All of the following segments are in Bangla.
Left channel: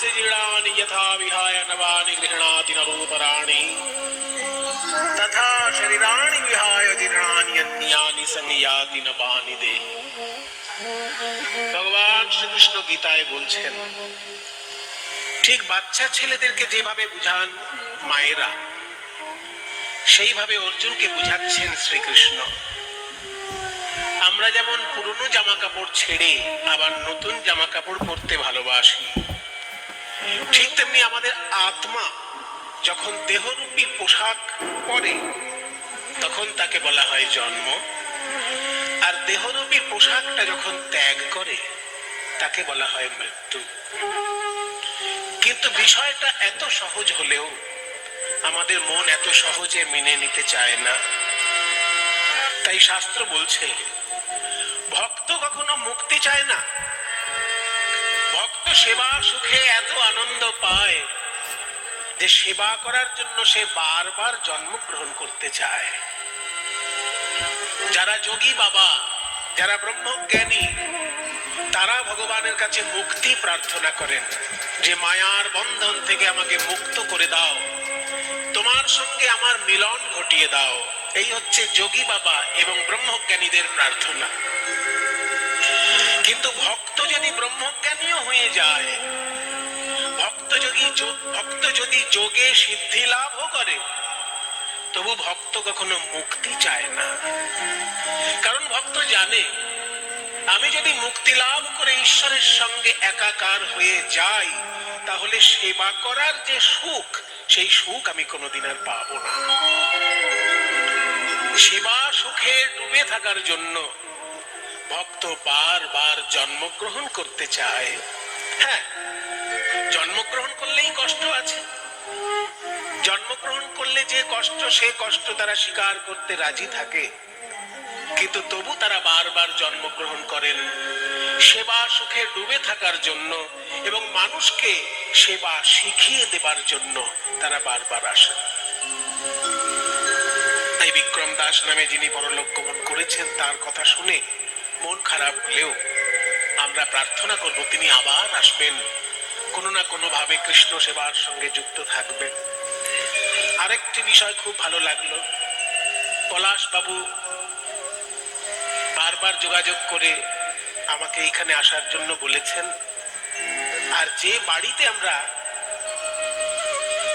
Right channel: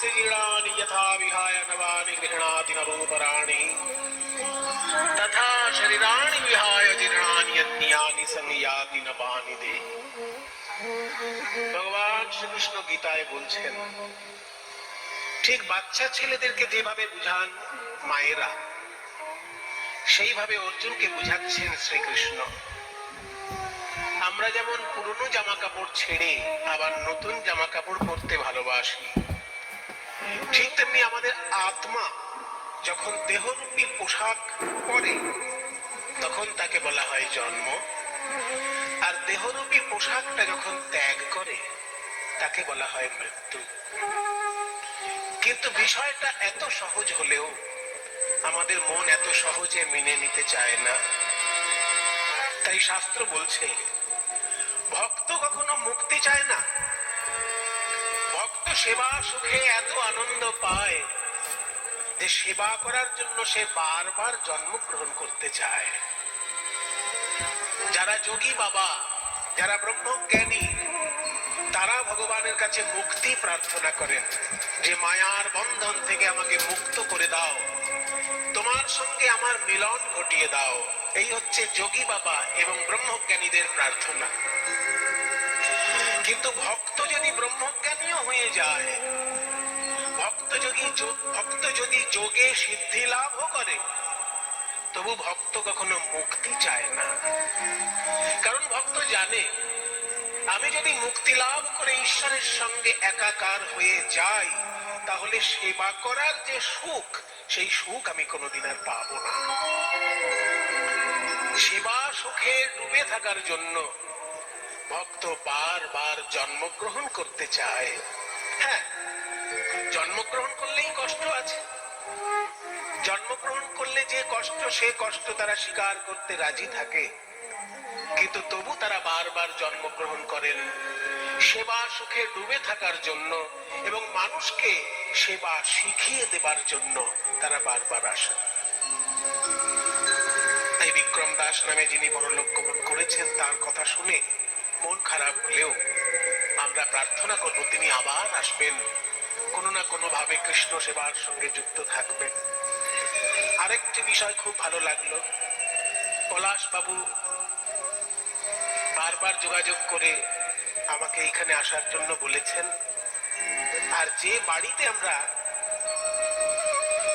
जीर्णानि यथा विहाय नवानि गृह्णाति नरोपराणि तथा शरीराणि विहाय जीर्णानि अन्यानि संयाति नवानि देहि। ভগবান শ্রীকৃষ্ণ গীতায় বলছেন, ঠিক বাচ্চা ছেলেদেরকে যেভাবে বুঝান মায়েরা, সেইভাবে অর্জুনকে বুঝাচ্ছেন শ্রীকৃষ্ণ। আমরা যেমন পুরনো জামা কাপড় ছেড়ে আবার নতুন জামা কাপড় পরতে ভালোবাসি, ঠিক তেমনি আমাদের আত্মা যখন দেহরূপী পোশাক পরে তখন তাকে বলা হয় জন্ম, আর দেহরূপী পোশাকটা যখন ত্যাগ করে তাকে বলা হয় মৃত্যু। কিন্তু বিষয়টা এত সহজ হলেও আমাদের মন এত সহজে মেনে নিতে চায় না। তাই শাস্ত্র বলছে, ভক্ত কখনো মুক্তি চায় না। ভক্ত সেবা সুখে এত আনন্দ পায় যে সেবা করার জন্য সে বারবার জন্মগ্রহণ করতে চায়। যারা যোগী বাবা, যারা ব্রহ্মজ্ঞানী, তারা ভগবানের কাছে মুক্তি প্রার্থনা করেন যে মায়ার বন্ধন থেকে আমাকে মুক্ত করে দাও, তোমার সঙ্গে আমার মিলন ঘটিয়ে দাও। এই হচ্ছে যোগী বাবা এবং ব্রহ্মজ্ঞানীদের প্রার্থনা। কিন্তু ভক্ত যদি ব্রহ্মজ্ঞানীও হয়ে যায়, ভক্ত যদি যোগে সিদ্ধি লাভও করে, তবু ভক্ত কখনো মুক্তি চায় না। কারণ ভক্ত জানে, আমি যদি মুক্তি লাভ করে ঈশ্বরের সঙ্গে একাকার হয়ে যাই, তাহলে সেবা করার যে সুখ, সেই সুখ আমি কোনোদিন আর পাবো না। সেবা সুখে ডুবে থাকার জন্য ভক্ত বারবার জন্মগ্রহণ করতে চায়। হ্যাঁ, জন্মগ্রহণ করলেই কষ্ট আছে। জন্মগ্রহণ করলে যে কষ্ট, সে কষ্ট তারা স্বীকার করতে রাজি থাকে, কিন্তু তবু তারা বারবার জন্মগ্রহণ করেন সেবা সুখে ডুবে থাকার জন্য এবং মানুষকে সেবা শিখিয়ে দেবার জন্য তারা বারবার আসেন। তাই বিক্রম দাস নামে যিনি পরলোক গমন করেছেন, তার কথা শুনে মন খারাপ হলেও আমরা প্রার্থনা করব তিনি আবার আসবেন, কোনো না কোনো ভাবে কৃষ্ণ সেবার সঙ্গে যুক্ত থাকবেন। আরেকটি বিষয় খুব ভালো লাগলো, পলাশ বাবু বারবার যোগাযোগ করে আমাকে এখানে আসার জন্য বলেছেন। আর যে বাড়িতে আমরা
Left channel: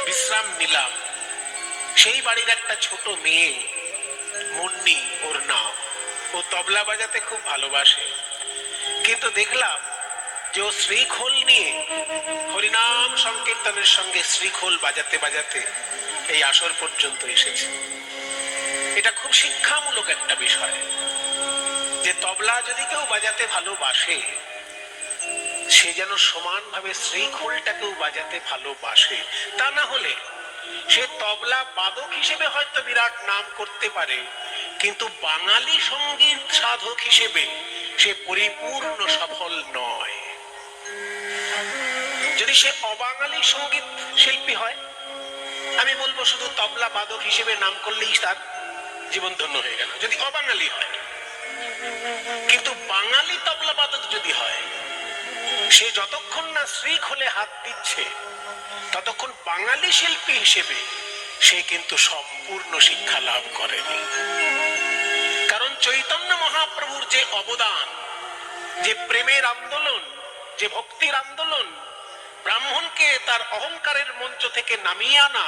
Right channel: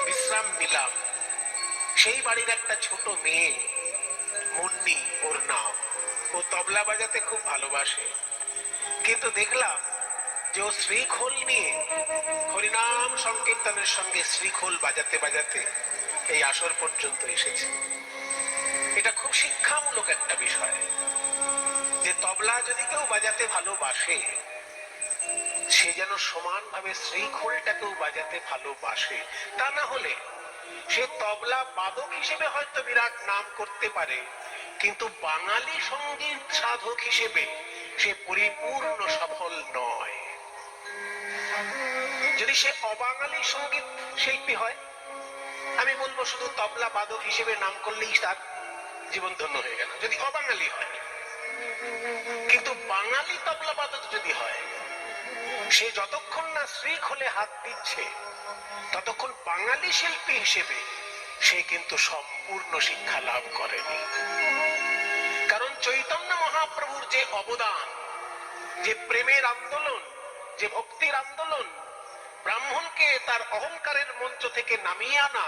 বিশ্রাম নিলাম, সেই বাড়ির একটা ছোট মেয়ে মুন্নি, ওর নাম, ও তবলা বাজাতে খুব ভালোবাসে। কিন্তু দেখলাম যে ও শ্রীখোল নিয়ে হরিনাম সংকীর্তনের সঙ্গে শ্রীখোল বাজাতে বাজাতে এই আসর পর্যন্ত এসেছে। এটা খুব শিক্ষামূলক একটা বিষয় যে তবলা যদি কেউ বাজাতে ভালোবাসে, সে যেন সমানভাবে শ্রীখোলটাকেও বাজাতে ভালোবাসে। তা না হলে সে তবলা বাদক হিসেবে হয়তো বিরাট নাম করতে পারে, কিন্তু বাঙালি সঙ্গীত সাধক হিসেবে সে পরিপূর্ণ সফল নয়। যদি সে অবাঙালি সঙ্গীত শিল্পী হয়, আমি বলবো শুধু তবলা বাদক হিসেবে নাম করলেই তার জীবন ধন্য হয়ে গেল, যদি অবাঙালি হয়। কিন্তু বাঙালি তবলা বাদক যদি হয়, সে যতক্ষণ না শ্রীখোলে হাত দিচ্ছে ততক্ষণ বাঙালি শিল্পী হিসেবে সে কিন্তু সম্পূর্ণ শিক্ষা লাভ করেনি। কারণ চৈতন্য মহাপ্রভুর যে অবদান, যে প্রেমের আন্দোলন, যে ভক্তির আন্দোলন, ব্রাহ্মণকে তার অহংকারের মঞ্চ থেকে নামিয়ে আনা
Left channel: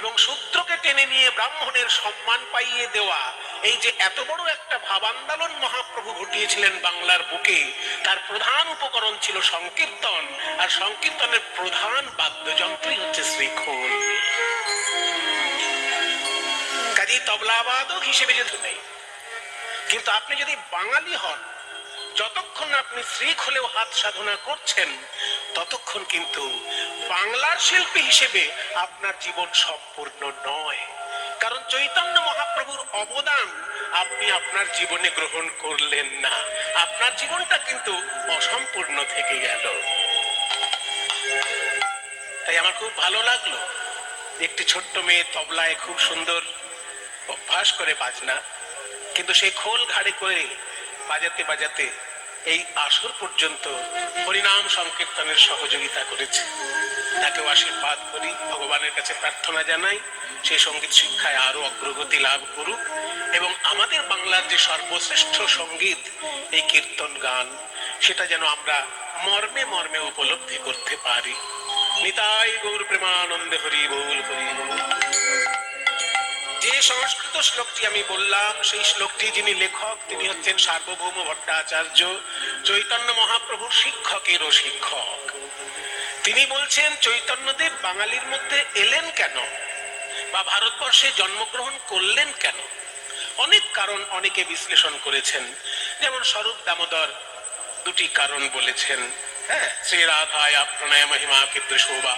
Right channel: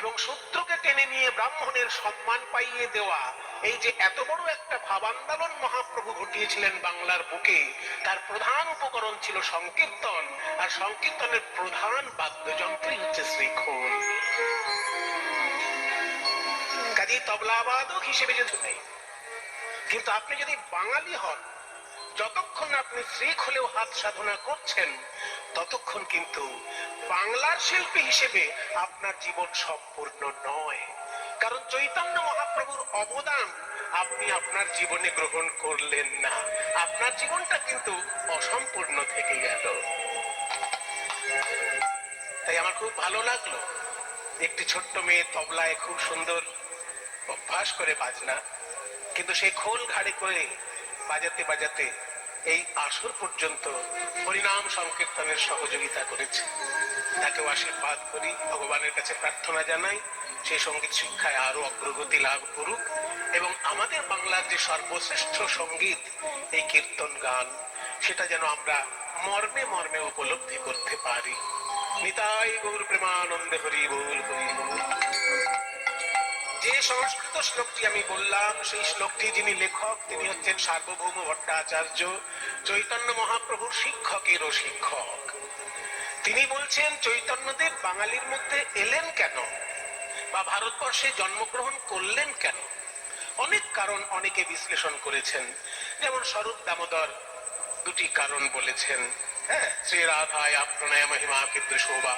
এবং শূদ্রকে টেনে নিয়ে ব্রাহ্মণের সম্মান পাইয়ে দেওয়া, এই যে এত বড় একটা ভাবান্দোলন মহাপ্রভু ঘটিয়েছিলেন বাংলার বুকে, তার প্রধান উপকরণ ছিল সংকীর্তন, আর সংকীর্তনের প্রধান বাদ্যযন্ত্রই হচ্ছে শ্রীখোল। কাজেই তবলাবাদক হিসেবে যেতে নেই। কিন্তু আপনি যদি বাঙালি হন, যতক্ষণ আপনি শ্রীখোলেও হাত সাধনা করছেন, ততক্ষণ কিন্তু বাংলার শিল্পী হিসেবে আপনার জীবন সম্পূর্ণ নয়। কারণ চৈতন্য মহাপ্রভুর অবদান আপনি আপনার জীবনে গ্রহণ করলেন না, আপনার জীবনটা কিন্তু অসম্পূর্ণ থেকে গেল। তাই আমার খুব ভালো লাগলো, একটি ছোট্ট মেয়ে তবলায় খুব সুন্দর অভ্যাস করে বাজনা, কিন্তু সেই খোল ঘাড়ে করে বাজাতে বাজাতে এই আসর পর্যন্ত হরিনাম সংকীর্তনের সহযোগিতা করেছে, তাকেও আশীর্বাদ করি, ভগবানের কাছে প্রার্থনা জানাই সে সঙ্গীত শিক্ষায় আরো অগ্রগতি লাভ করুক এবং আমাদের বাংলার যে সর্বশ্রেষ্ঠ সঙ্গীত এই কীর্তন গান, সেটা যেন আমরা মর্মে মর্মে উপলব্ধি করতে পারি। নিতাই গৌর প্রেমানন্দে, হরি বল হরি বল। যে সংস্কৃত শ্লোকটি আমি বললাম, সেই শ্লোকটি যিনি লেখক তিনি হচ্ছেন সার্বভৌম ভট্টাচার্য, চৈতন্য মহাপ্রভুর শিক্ষকেরও শিক্ষক। তিনি বলছেন চৈতন্যদেব বাঙালির মধ্যে এলেন কেন, বা ভারতবর্ষে জন্মগ্রহণ করলেন কেন? অনেক কারণ অনেকে বিশ্লেষণ করেছেন, যেমন স্বরূপ দামোদর দুটি কারণ বলেছেন। হ্যাঁ, শ্রী রাধায় প্রণয় মহিমা কিন্তু শোভা,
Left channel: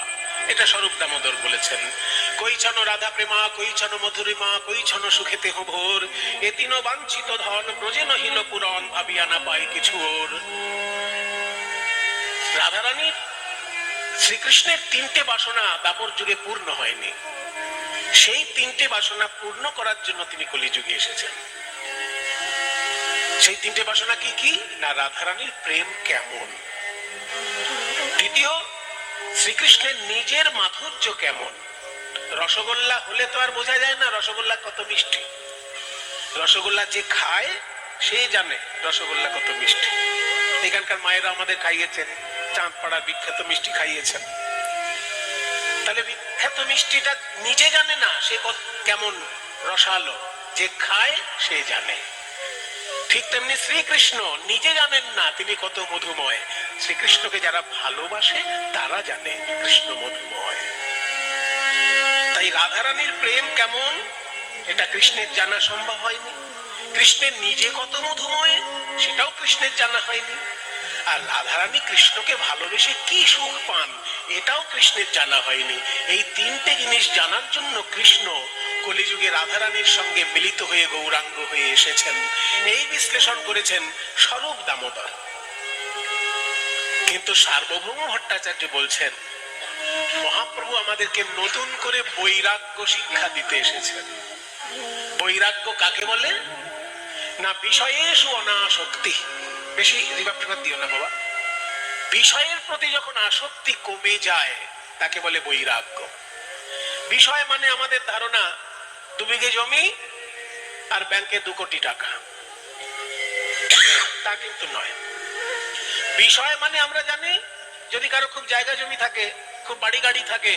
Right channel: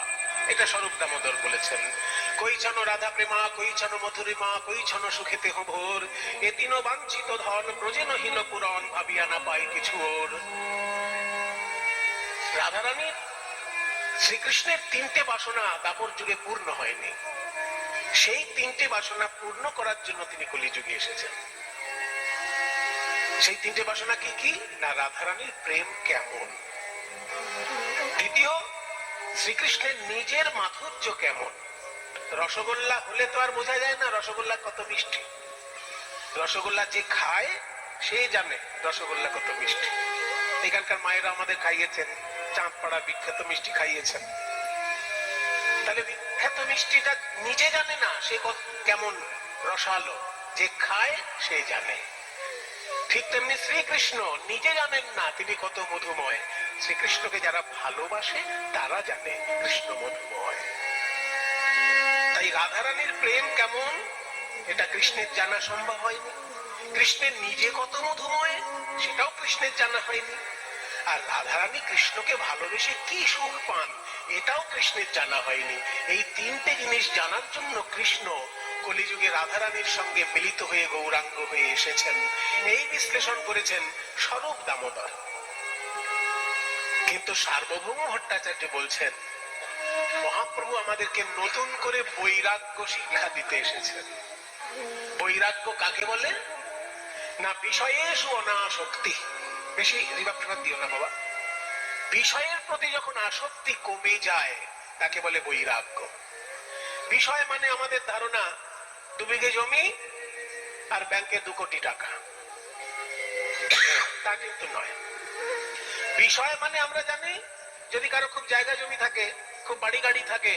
এটা স্বরূপ দামোদর বলেছেন। কইছন রাধা প্রেমা, কইছন মধুরিমা, কইছন সুখেতে ভোর, এ তিন বাঞ্ছিত ধন ব্রজে নহিল পুরন, ভাবিয়া না পাই কিছু ওর। রাধারানী শ্রীকৃষ্ণের তিনটে বাসনা দাপর যুগে পূর্ণ হয়নি, সেই তিনটে বাসনা পূর্ণ করার জন্য তিনি কলিযুগে এসেছেন। সেই তিনটে বাসনা কি কি না, রাধারানীর প্রেম কেমন, দ্বিতীয় শ্রীকৃষ্ণের নিজের মাধুর্য কেমন। রসগোল্লা হলে তো আর বোঝা যায় না রসগোল্লা কত মিষ্টি, রসগোল্লা যে খায় সে জানে রসগোল্লা কত মিষ্টি। এখানকার মায়েরা আমাদের খাইয়েছেন, চাঁদপাড়ার বিখ্যাত মিষ্টি খাইয়েছেন। তাহলে বিখ্যাত মিষ্টিটা নিজে জানে না সে কেমন রসালো, যে খায় সে জানে। ঠিক তেমনি শ্রীকৃষ্ণ নিজে জানেন না তিনি কত মধুময়, শ্রীকৃষ্ণকে যারা ভালোবাসে তারা জানে কৃষ্ণ মধুময়। তাই রাধারানীর প্রেম কেমন এটা কৃষ্ণের জানা সম্ভব হয়নি, কৃষ্ণের নিজে কত মধুময় সেটাও কৃষ্ণের জানা হয়নি, আর রাধারানী কৃষ্ণকে ভালোবেসে কি সুখ পান এটাও কৃষ্ণের জানা হয়নি। এই তিনটে জিনিস জানার জন্য কৃষ্ণ কলিযুগে রাধারানীর সঙ্গে মিলিত হয়ে গৌরাঙ্গ হয়ে এসেছেন, এই বিশ্লেষণ করেছেন স্বরূপ দামোদর। কিন্তু সার্বভৌম ভট্টাচার্য বলছেন মহাপ্রভু আমাদেরকে নতুন করে বৈরাগ্য শিক্ষা দিতে এসেছেন। বৈরাগ্য কাকে বলে না, বিষয়েষু অনাসক্তি। বেশি রিভাব টিভাব দিও না বাবা। বিষয়ের প্রতি যখন আসক্তি কমে যায় তাকে বলে বৈরাগ্য। বিষয় মানে আমাদের ধারণা 2 বিঘে জমি আর ব্যাংকে 2 কোটি টাকা, তা কিন্তু নয়। বিষয় মানে আমরা জানি যদি কারো খুব জায়গা জমি থাকে, খুব বাড়ি গাড়ি থাকে,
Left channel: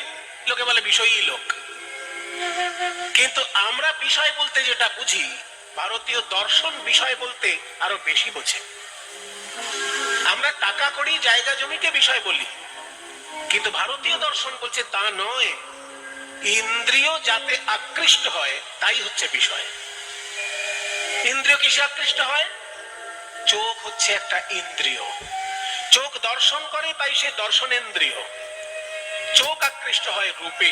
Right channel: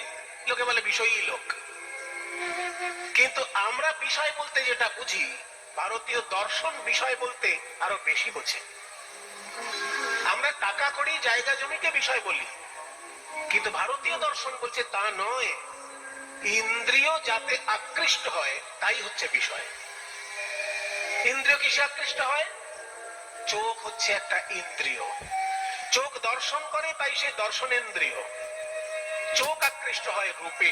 লোকে বলে বিষয়ী লোক। কিন্তু আমরা বিষয় বলতে যেটা বুঝি, ভারতীয় দর্শন বিষয় বলতে আরো বেশি বোঝে। আমরা টাকা কড়ি জায়গা জমিকে বিষয় বলি, কিন্তু ভারতীয় দর্শন বলছে তা নয়, ইন্দ্রিয় যাতে আকৃষ্ট হয় তাই হচ্ছে বিষয়। ইন্দ্রিয় কিসে আকৃষ্ট হয়? চোখ হচ্ছে একটা ইন্দ্রিয়, চোখ দর্শন করে তাই সে দর্শনেন্দ্রিয়। চোখ আকৃষ্ট হয় রূপে,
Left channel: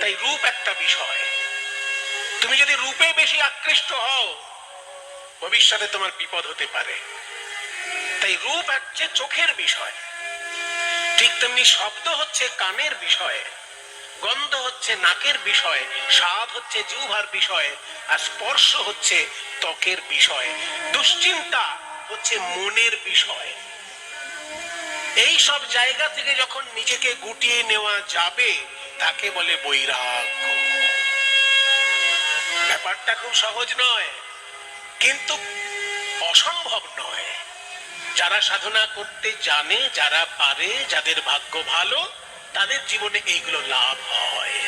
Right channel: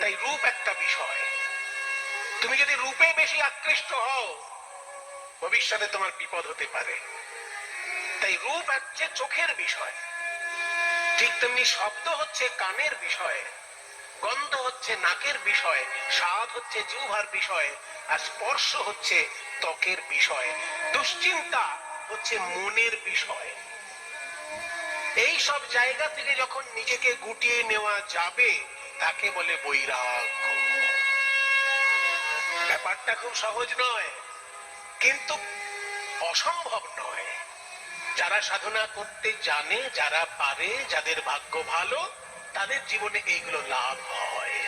তাই রূপ একটা বিষয়। তুমি যদি রূপে বেশি আকৃষ্ট হও ভবিষ্যতে তোমার বিপদ হতে পারে। তাই রূপ হচ্ছে চোখের বিষয়। ঠিক তেমনি শব্দ হচ্ছে কানের বিষয়, গন্ধ হচ্ছে নাকের বিষয়, স্বাদ হচ্ছে জিহ্বার বিষয়, আর স্পর্শ হচ্ছে ত্বকের বিষয়, দুশ্চিন্তা হচ্ছে মনের বিষয়। এই সব জায়গা থেকে যখন নিজেকে গুটিয়ে নেওয়া যাবে তাকে বলে বৈরাগ্য। ব্যাপারটা খুব সহজ নয়, কিন্তু অসম্ভব নয়। যারা সাধনা করতে জানে, যারা পারে, যাদের ভাগ্য ভালো, তাদের জীবনে এইগুলো লাভ হয়।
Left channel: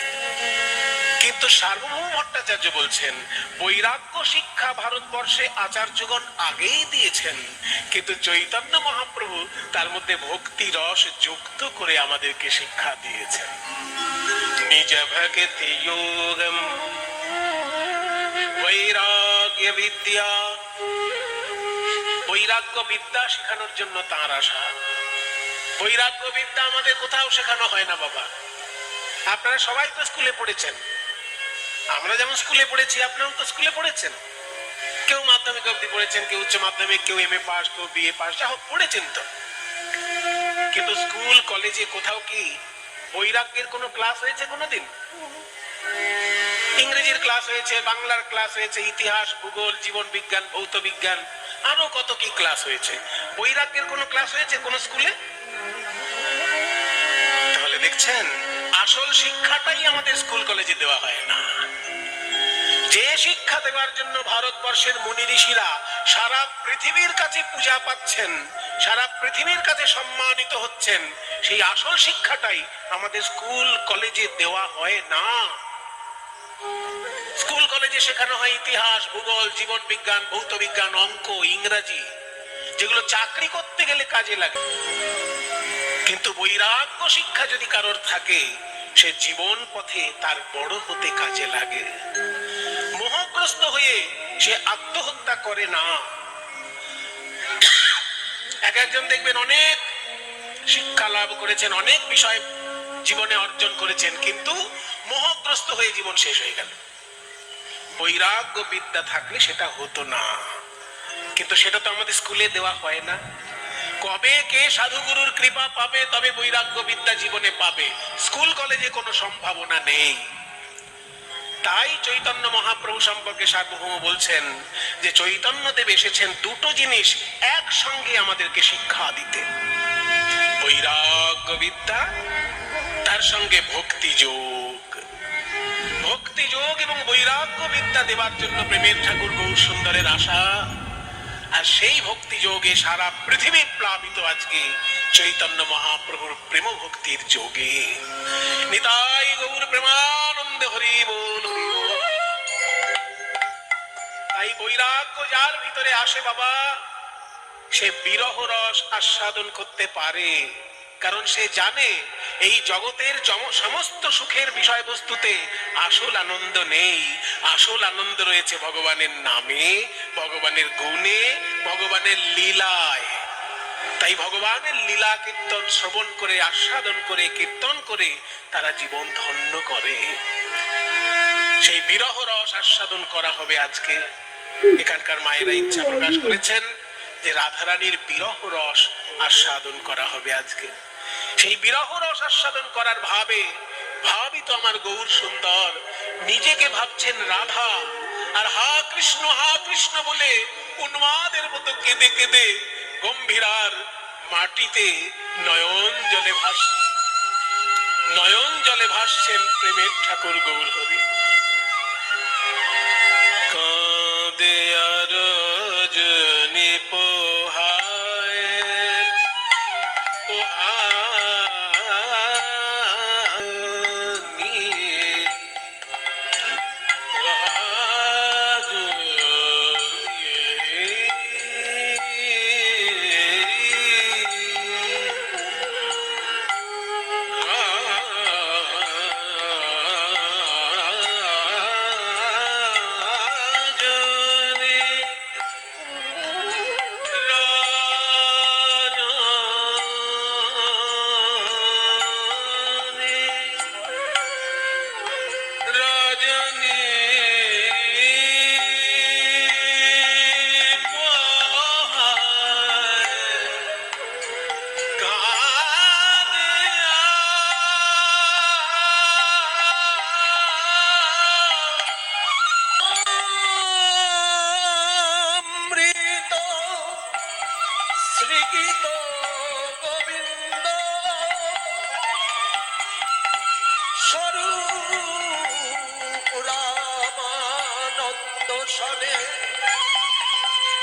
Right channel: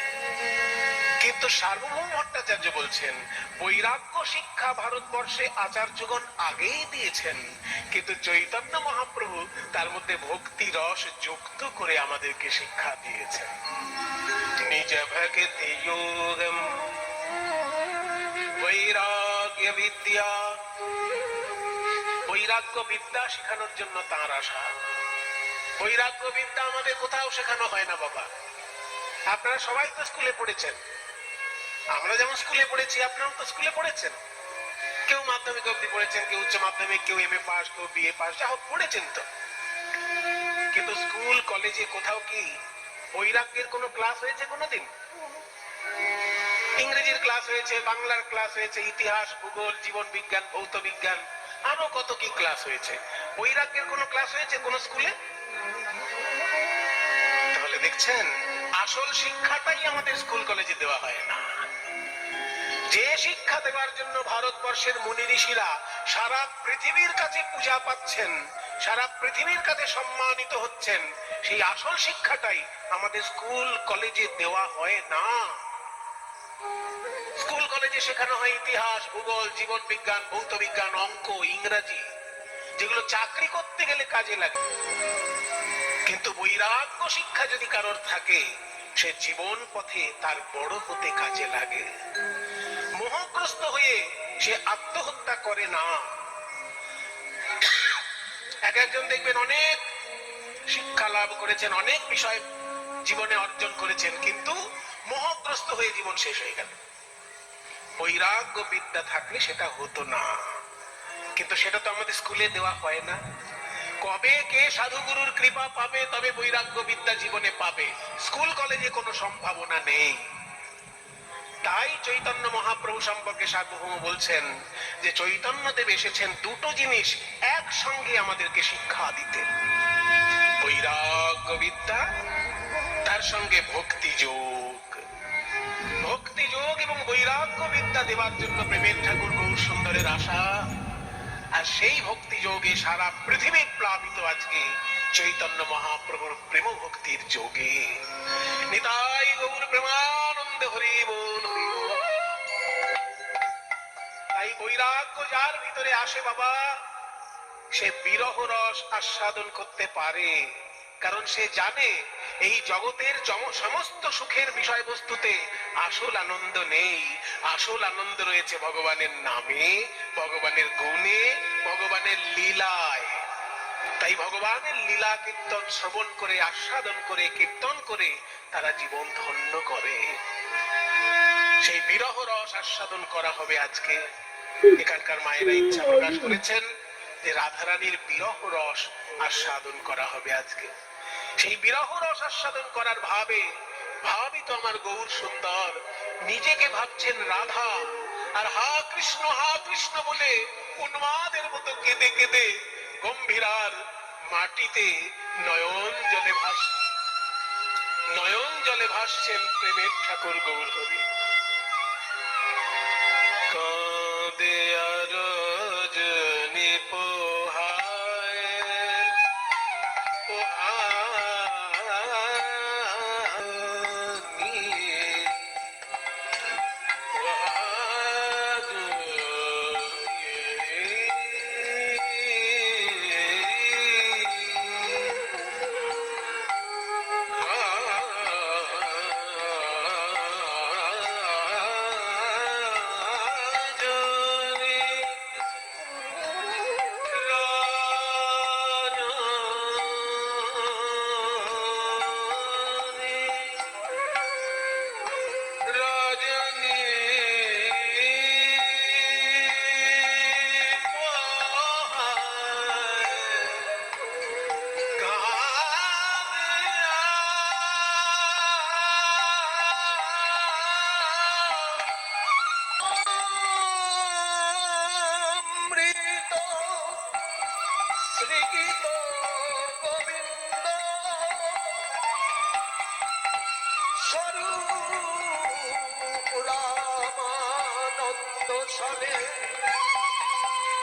কিন্তু সার্বভৌম ভট্টাচার্য বলছেন বৈরাগ্য শিক্ষা ভারতবর্ষে আচার্যগণ আগেই দিয়েছেন, কিন্তু চৈতন্য মহাপ্রভু তার মধ্যে ভক্তি রস যুক্ত করে আমাদেরকে শিক্ষা দিয়েছেন। নিজ ভক্তি যোগম বৈরাগ্য বিদ্যা, বৈরাগ্য বিদ্যা শেখানোর জন্য তাঁর আশা। বৈরাগ্য বিদ্যা আমাদের কোথাও শেখানো হয় না বাবা। আপনারা সবাই তো স্কুলে পড়েছেন, আমরা যেমন স্কুলে পড়েছি আপনারাও তো স্কুলে পড়েছেন। কেউ মাধ্যমিক অবধি পড়েছেন, কেউ উচ্চ মাধ্যমিক, কেউ এমএ পাস, কেউ বিএ পাস, যা হোক পড়েছেন তো। কিন্তু স্কুল কলেজে কোথাও কি বৈরাগ্যের কোনো ক্লাস হয়েছে কোনোদিন? ইংরেজির ক্লাস হয়েছে, বাংলার ক্লাস হয়েছে, ইতিহাস, ভূগোল, জীবন বিজ্ঞান, ভৌত বিজ্ঞান, আরো কত কি ক্লাস হয়েছে। বৈরাগ্যের কোনো ক্লাস হয়েছে কোন স্কুলে? তাহলে দেখছেন আসল শিক্ষাটাই আমাদের স্কুল কলেজে দেওয়া হয় না। যে শিক্ষা দেওয়ার জন্য ভারতবর্ষের মুনি ঋষিরা সারা পৃথিবীর কাছে পূজা পাচ্ছেন, সারা পৃথিবীর কাছে সম্মানিত হচ্ছেন, সেই আসল শিক্ষাটাই আমাদের স্কুল কলেজে দেওয়া হয় না। স্কুল কলেজে শেখানো হয় ইতিহাস, ভূগোল, জীবন বিজ্ঞান, ভৌত বিজ্ঞান, অঙ্ক, ইংরাজি, যেগুলো চাকরি করতে গেলে কাজে লাগে। কিন্তু বৈরাগ্য শিক্ষা যদি কারোর থাকে, সে জীবন পথে তার বড় হতে কাজে লাগে। মোহগ্রস্ত হয়ে সে আত্মহত্যা করে না। এক একজন দেখবেন অনেক শিক্ষা লাভ করেছেন, অনেক বিষয় জীবনে অর্জন করেছেন, কিন্তু মোহগ্রস্ত হয়ে জীবন শেষ হয়ে গেল। বৈরাগ্য বিদ্যা থাকলে সেটা হতো না, কিন্তু সেটা তো আমাদের স্কুলে দেওয়া হয় না। কবে কে সাধুগুরুর কৃপা পাবে তবে বৈরাগ্য বিদ্যা জীবনে পাবে, স্কুল কলেজে কোনো সম্ভাবনা নেই। তাই চৈতন্য মহাপ্রভু সম্পর্কে সার্বভৌম বলছেন যে চৈতন্যদেব এসেছেন দুটো জিনিস একসঙ্গে আমাদেরকে শিক্ষা দিতে, বৈরাগ্য বিদ্যা, তার সঙ্গে ভক্তি যোগ। ভক্তি যোগ এবং বৈরাগ্য বিদ্যা দেওয়ার জন্য প্রেমের ঠাকুর গৌর সুন্দরের আশা, আর সেই ভক্তি যোগে সারা পৃথিবী প্লাবিত আজকে চৈতন্য মহাপ্রভুর প্রেম ভক্তির যোগে। নিতাই গৌর প্রেমানন্দে হরি বল, হরি বল। তাই বৈরাগ্য যার ভিতরে আসে বাবা, সে বিরহ রস আস্বাদন করতে পারে, কারণ সে জানে এই জগতের সমস্ত সুখের বিষয়বস্তুতে আসল আনন্দ নেই। আসল আনন্দ রয়েছে ভগবানের নামে, ভগবানের গুণে, ভগবানের লীলায়। তাই ভগবানের লীলা কীর্তন শ্রবণ করে, আস্বাদন করে, কীর্তন করে তারা জীবন ধন্য করে। সেই বিরহ রস আস্বাদন করা হবে আজকে। এখানকার মায়েরা ইচ্ছা প্রকাশ করেছেন যে রাধারানীর বিরহ রস আস্বাদন করা হবে আজকে। সেই বিরহ রস আস্বাদন করার ভাবই তো আমার গৌর সুন্দর নিজেকে ভাবছেন রাধা, আর হা কৃষ্ণ বলে উন্মাদের মতো কেঁদে কেঁদে গম্ভীরার মাটিতে নয়ন জলে ভাসছেন প্রেমের ঠাকুর গৌর হরি। কাঁদে আর রজনী পোহায়,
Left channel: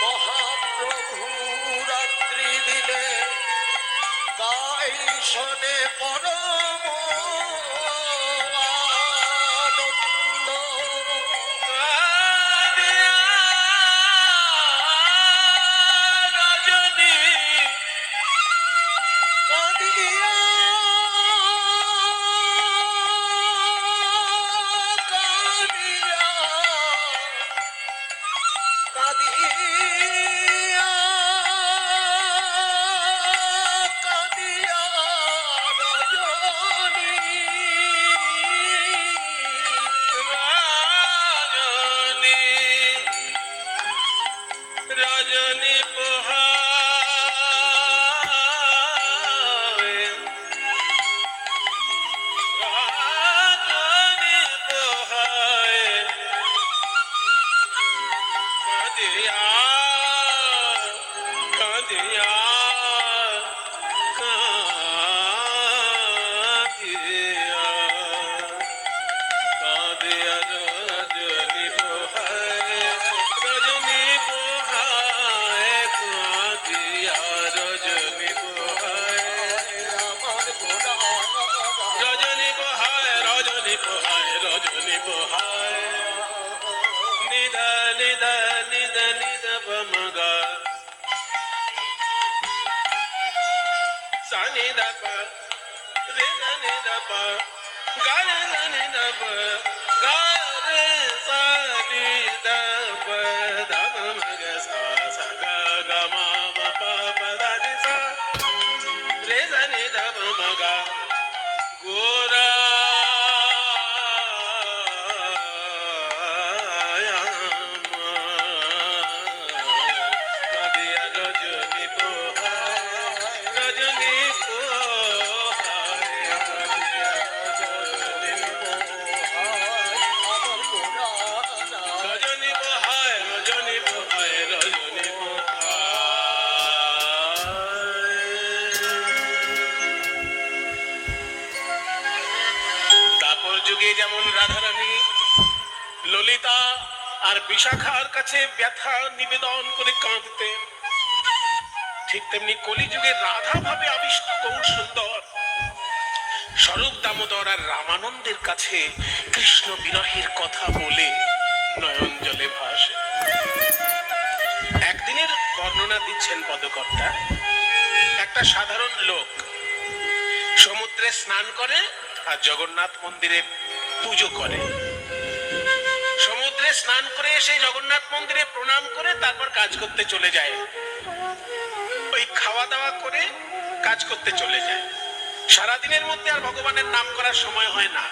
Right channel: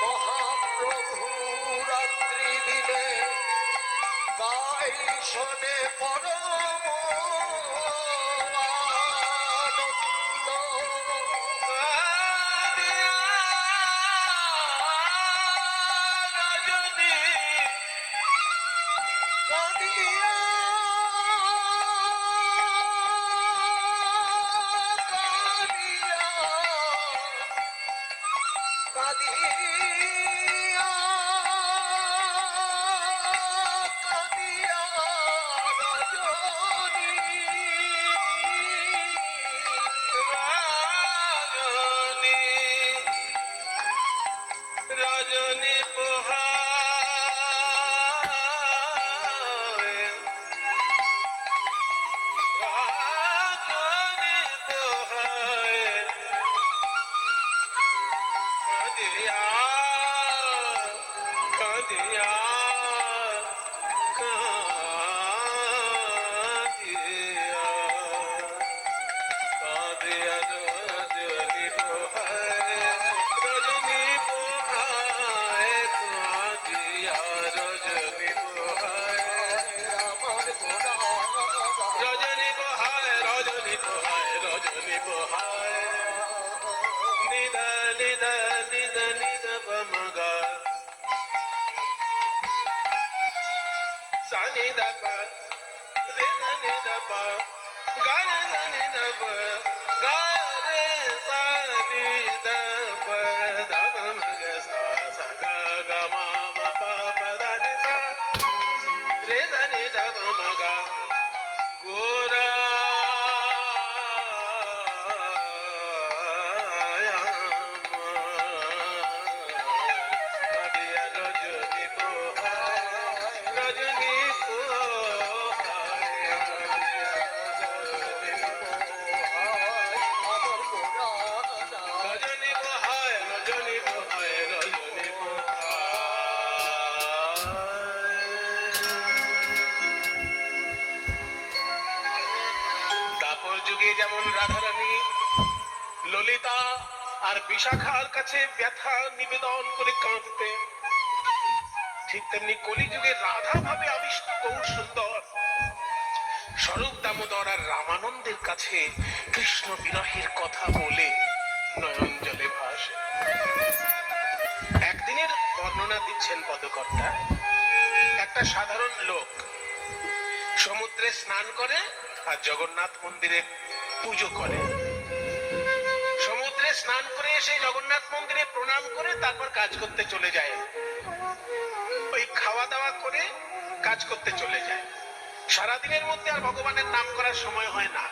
মহাপ্রভু রাত্রি দিলে গাই শোনে পরম আনন্দ। রজনী কাঁদিয়া ni da pa re ga ni da pa ga ni da pa ga re sa ni da pa da ma ga sa ga ga ma pa pa da ni sa re ga ni da pa ma ga gora Dwapar যুগে যেমন রাধারানী ললিতা আর বিশাখার কাছে ব্যথা নিবেদন করে কাঁদতেন, ঠিক তেমনি কলিযুগে রাধা ভাবে আবিষ্ট গৌর সুন্দর স্বরূপ দামোদর আর রামানন্দের কাছে কৃষ্ণ বিরহের কথা বলে নয়ন জলে ভাসে। একদিনের বর্ণনা দিচ্ছেন পদকর্তা। একটা সাধারণ লোক সমুদ্রে স্নান করে আর জগন্নাথ মন্দিরে পুজো করে। সমুদ্রে স্নান করে এসে জগন্নাথ মন্দিরে প্রণাম করে তারপর কাজ করতে চলে যায়। ওই খাওয়া দাওয়া করে কাজ করতে চলে যায়। সারাদিনের মধ্যে আর ভগবানের নাম করার সময় হয় না।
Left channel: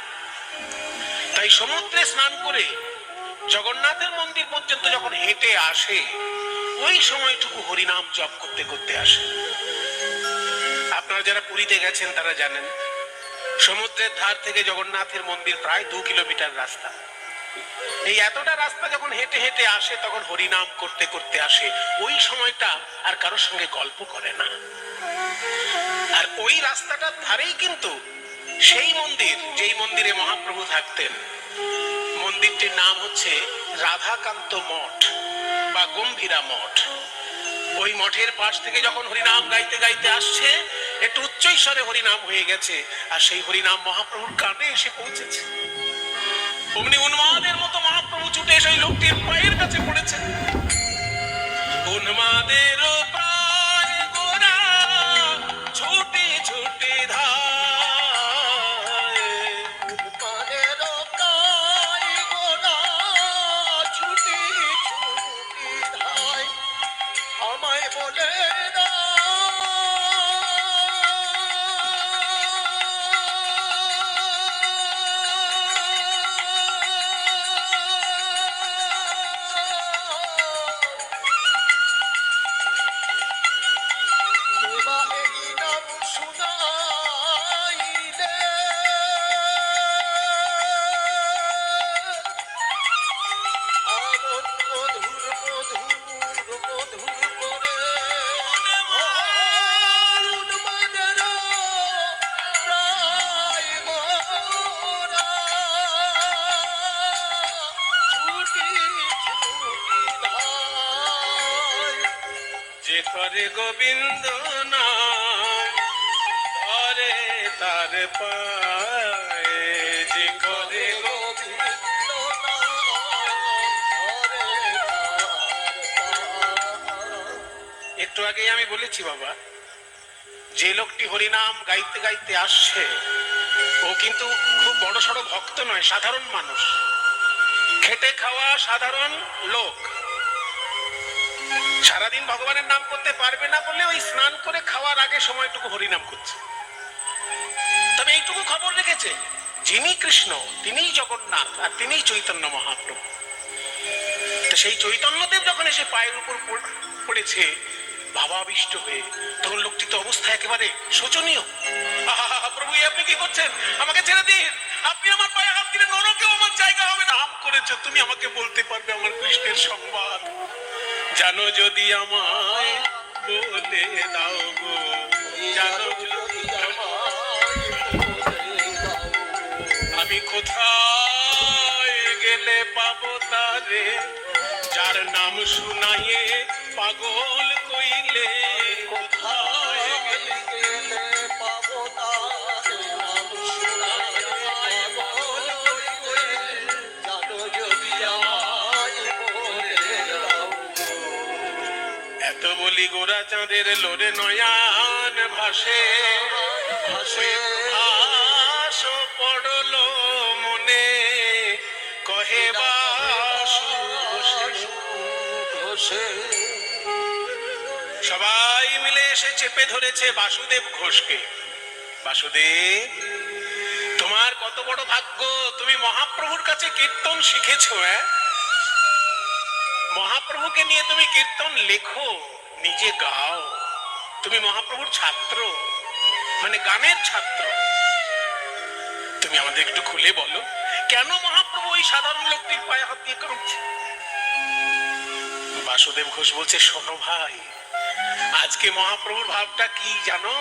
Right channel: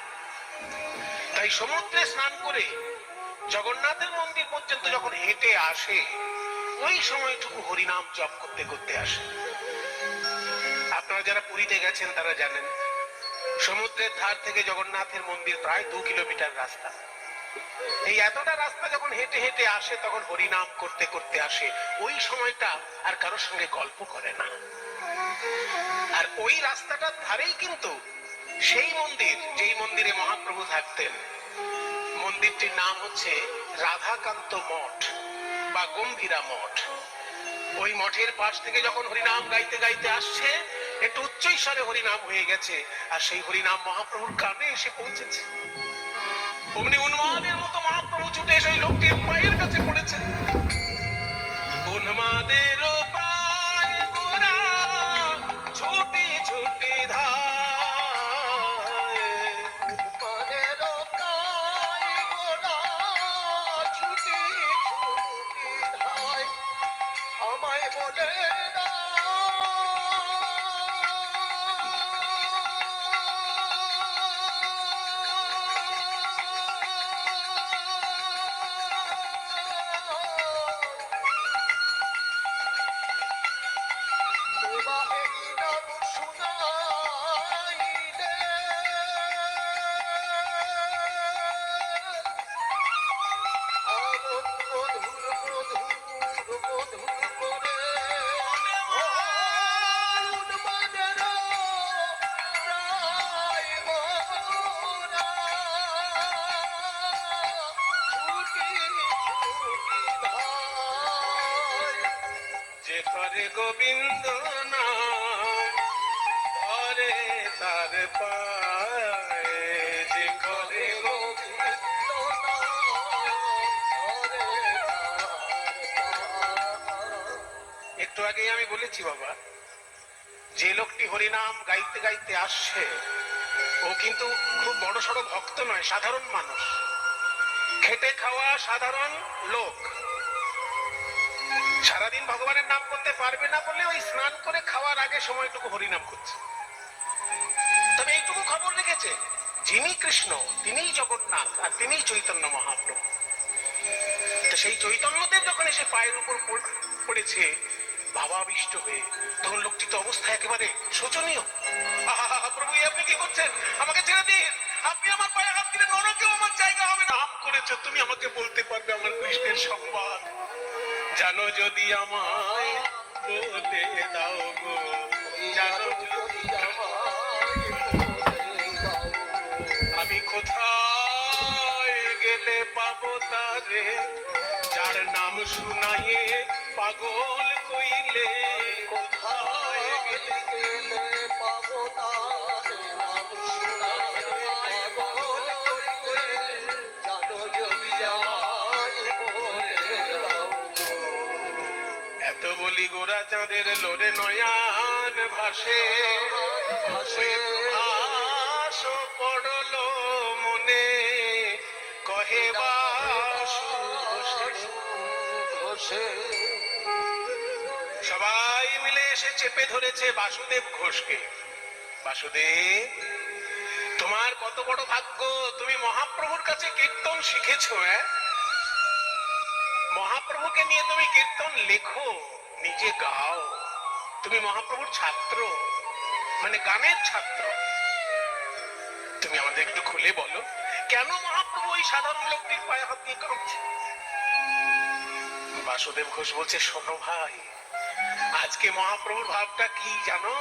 তাই সমুদ্রে স্নান করে জগন্নাথের মন্দির পর্যন্ত যখন হেঁটে আসে, ওই সময়টুকু হরিনাম জপ করতে করতে আসে। আপনারা যারা পুরীতে গেছেন তারা জানেন, সমুদ্রের ধার থেকে জগন্নাথের মন্দির প্রায় 2 কিলোমিটার রাস্তা। এই এতটা রাস্তা যখন হেঁটে হেঁটে আসে তখন হরিনাম করতে করতে আসে। ওই সময়টা আর কারোর সঙ্গে গল্প করে না। আর ওই রাস্তাটার ধারেই কিন্তু সেই মন্দির, যেই মন্দিরে মহাপ্রভু থাকতেন। মন্দিরটির নাম হচ্ছে রাধাকান্ত মঠ বা গম্ভীরা মঠ। ওই মঠের পাশ থেকে যখন হরিনাম গাইতে গাইতে আসছে, একটু উচ্চ স্বরে হরিনাম হয়ে গেছে, আর সেই হরিনাম মহাপ্রভুর কানে এসে পৌঁছেছে। অমনি উন্মাদের মতো মহাপ্রভু ছুটে এসে লোকটির পায়ের কাছে পড়েছেন। উন্মাদের পায় গোরা ছুটে ছুটে ধায়, উন্মাদের পায় গোরা ছুটি ছুটি ধায়, আমায় বলে যে করে গোবিন্দ নাম ধরে তার পায়ে, যে করে গোবিন্দ একটু আগেই আমি বলেছি বাবা, যে লোকটি হরিনাম গাইতে গাইতে আসছে ও কিন্তু খুব বড় সড়ো ভক্ত নয়, সাধারণ মানুষ, খেটে খাওয়া সাধারণ লোক। সারাদিন ভগবানের নাম করতে পারবে না বলে ওই স্নান করে খাওয়ার আগে সময়টুকু হরিনাম করছে। তবে এইটুকু খবর রেখেছে, যিনি কৃষ্ণ তিনিই জগন্নাথ আর তিনিই চৈতন্য মহাপ্রভু। তো সেই চৈতন্যদেব যখন এসে পায়ের উপর পড়েছে ভাবাবিষ্ট হয়ে, তখন লোকটি তো অবস্থা একেবারে শোচনীয়। প্রভু আপনি কি করছেন? আমাকে ছেড়ে দিন, আপনি আমার পায়ে হাত দিলে নরকেও আমার জায়গা হবে না। নাম করেছো তুমি, আমাকে বলতে পারবে আমার কৃষ্ণের সংবাদ? জানো যদি আমায় বলে দাও গো, জানো যদি আমি কোথায় গেলে পাবো তারে, যার নাম শুনাইয়ে পাগল কইলে। কোথায় গেলে পাবো তারে, নাম শুনাইয়ে পাগল কইলে। জানো যদি আমায় বলে দাও। এত বলি গোরা চাঁদের লোরে নয়ান ভাসে ভাসে ভাস পড়ল মনে কহে বাসু ঘোষে। সবাই মিলে এসে চেপে ধরেছে বাসুদেব ঘোষকে। বাসুদেব, তোমার কত বড় ভাগ্য, তুমি মহাপ্রভুর কাছে কীর্তন শিখেছো। মহাপ্রভুকে নিয়ে তুমি কীর্তন লেখো, নিজে গাও। তুমি মহাপ্রভুর ছাত্র, মানে গানের ছাত্র। তুমি আমাদের একটু খুলে বলো, কেন মহাপ্রভু ওই সাধারণ লোকটির পায়ে হাত দিয়ে কাঁদছে? বাসুদেব ঘোষ বলছে, শোনো ভাই, আজকে মহাপ্রভুর ভাবটা কি জানো?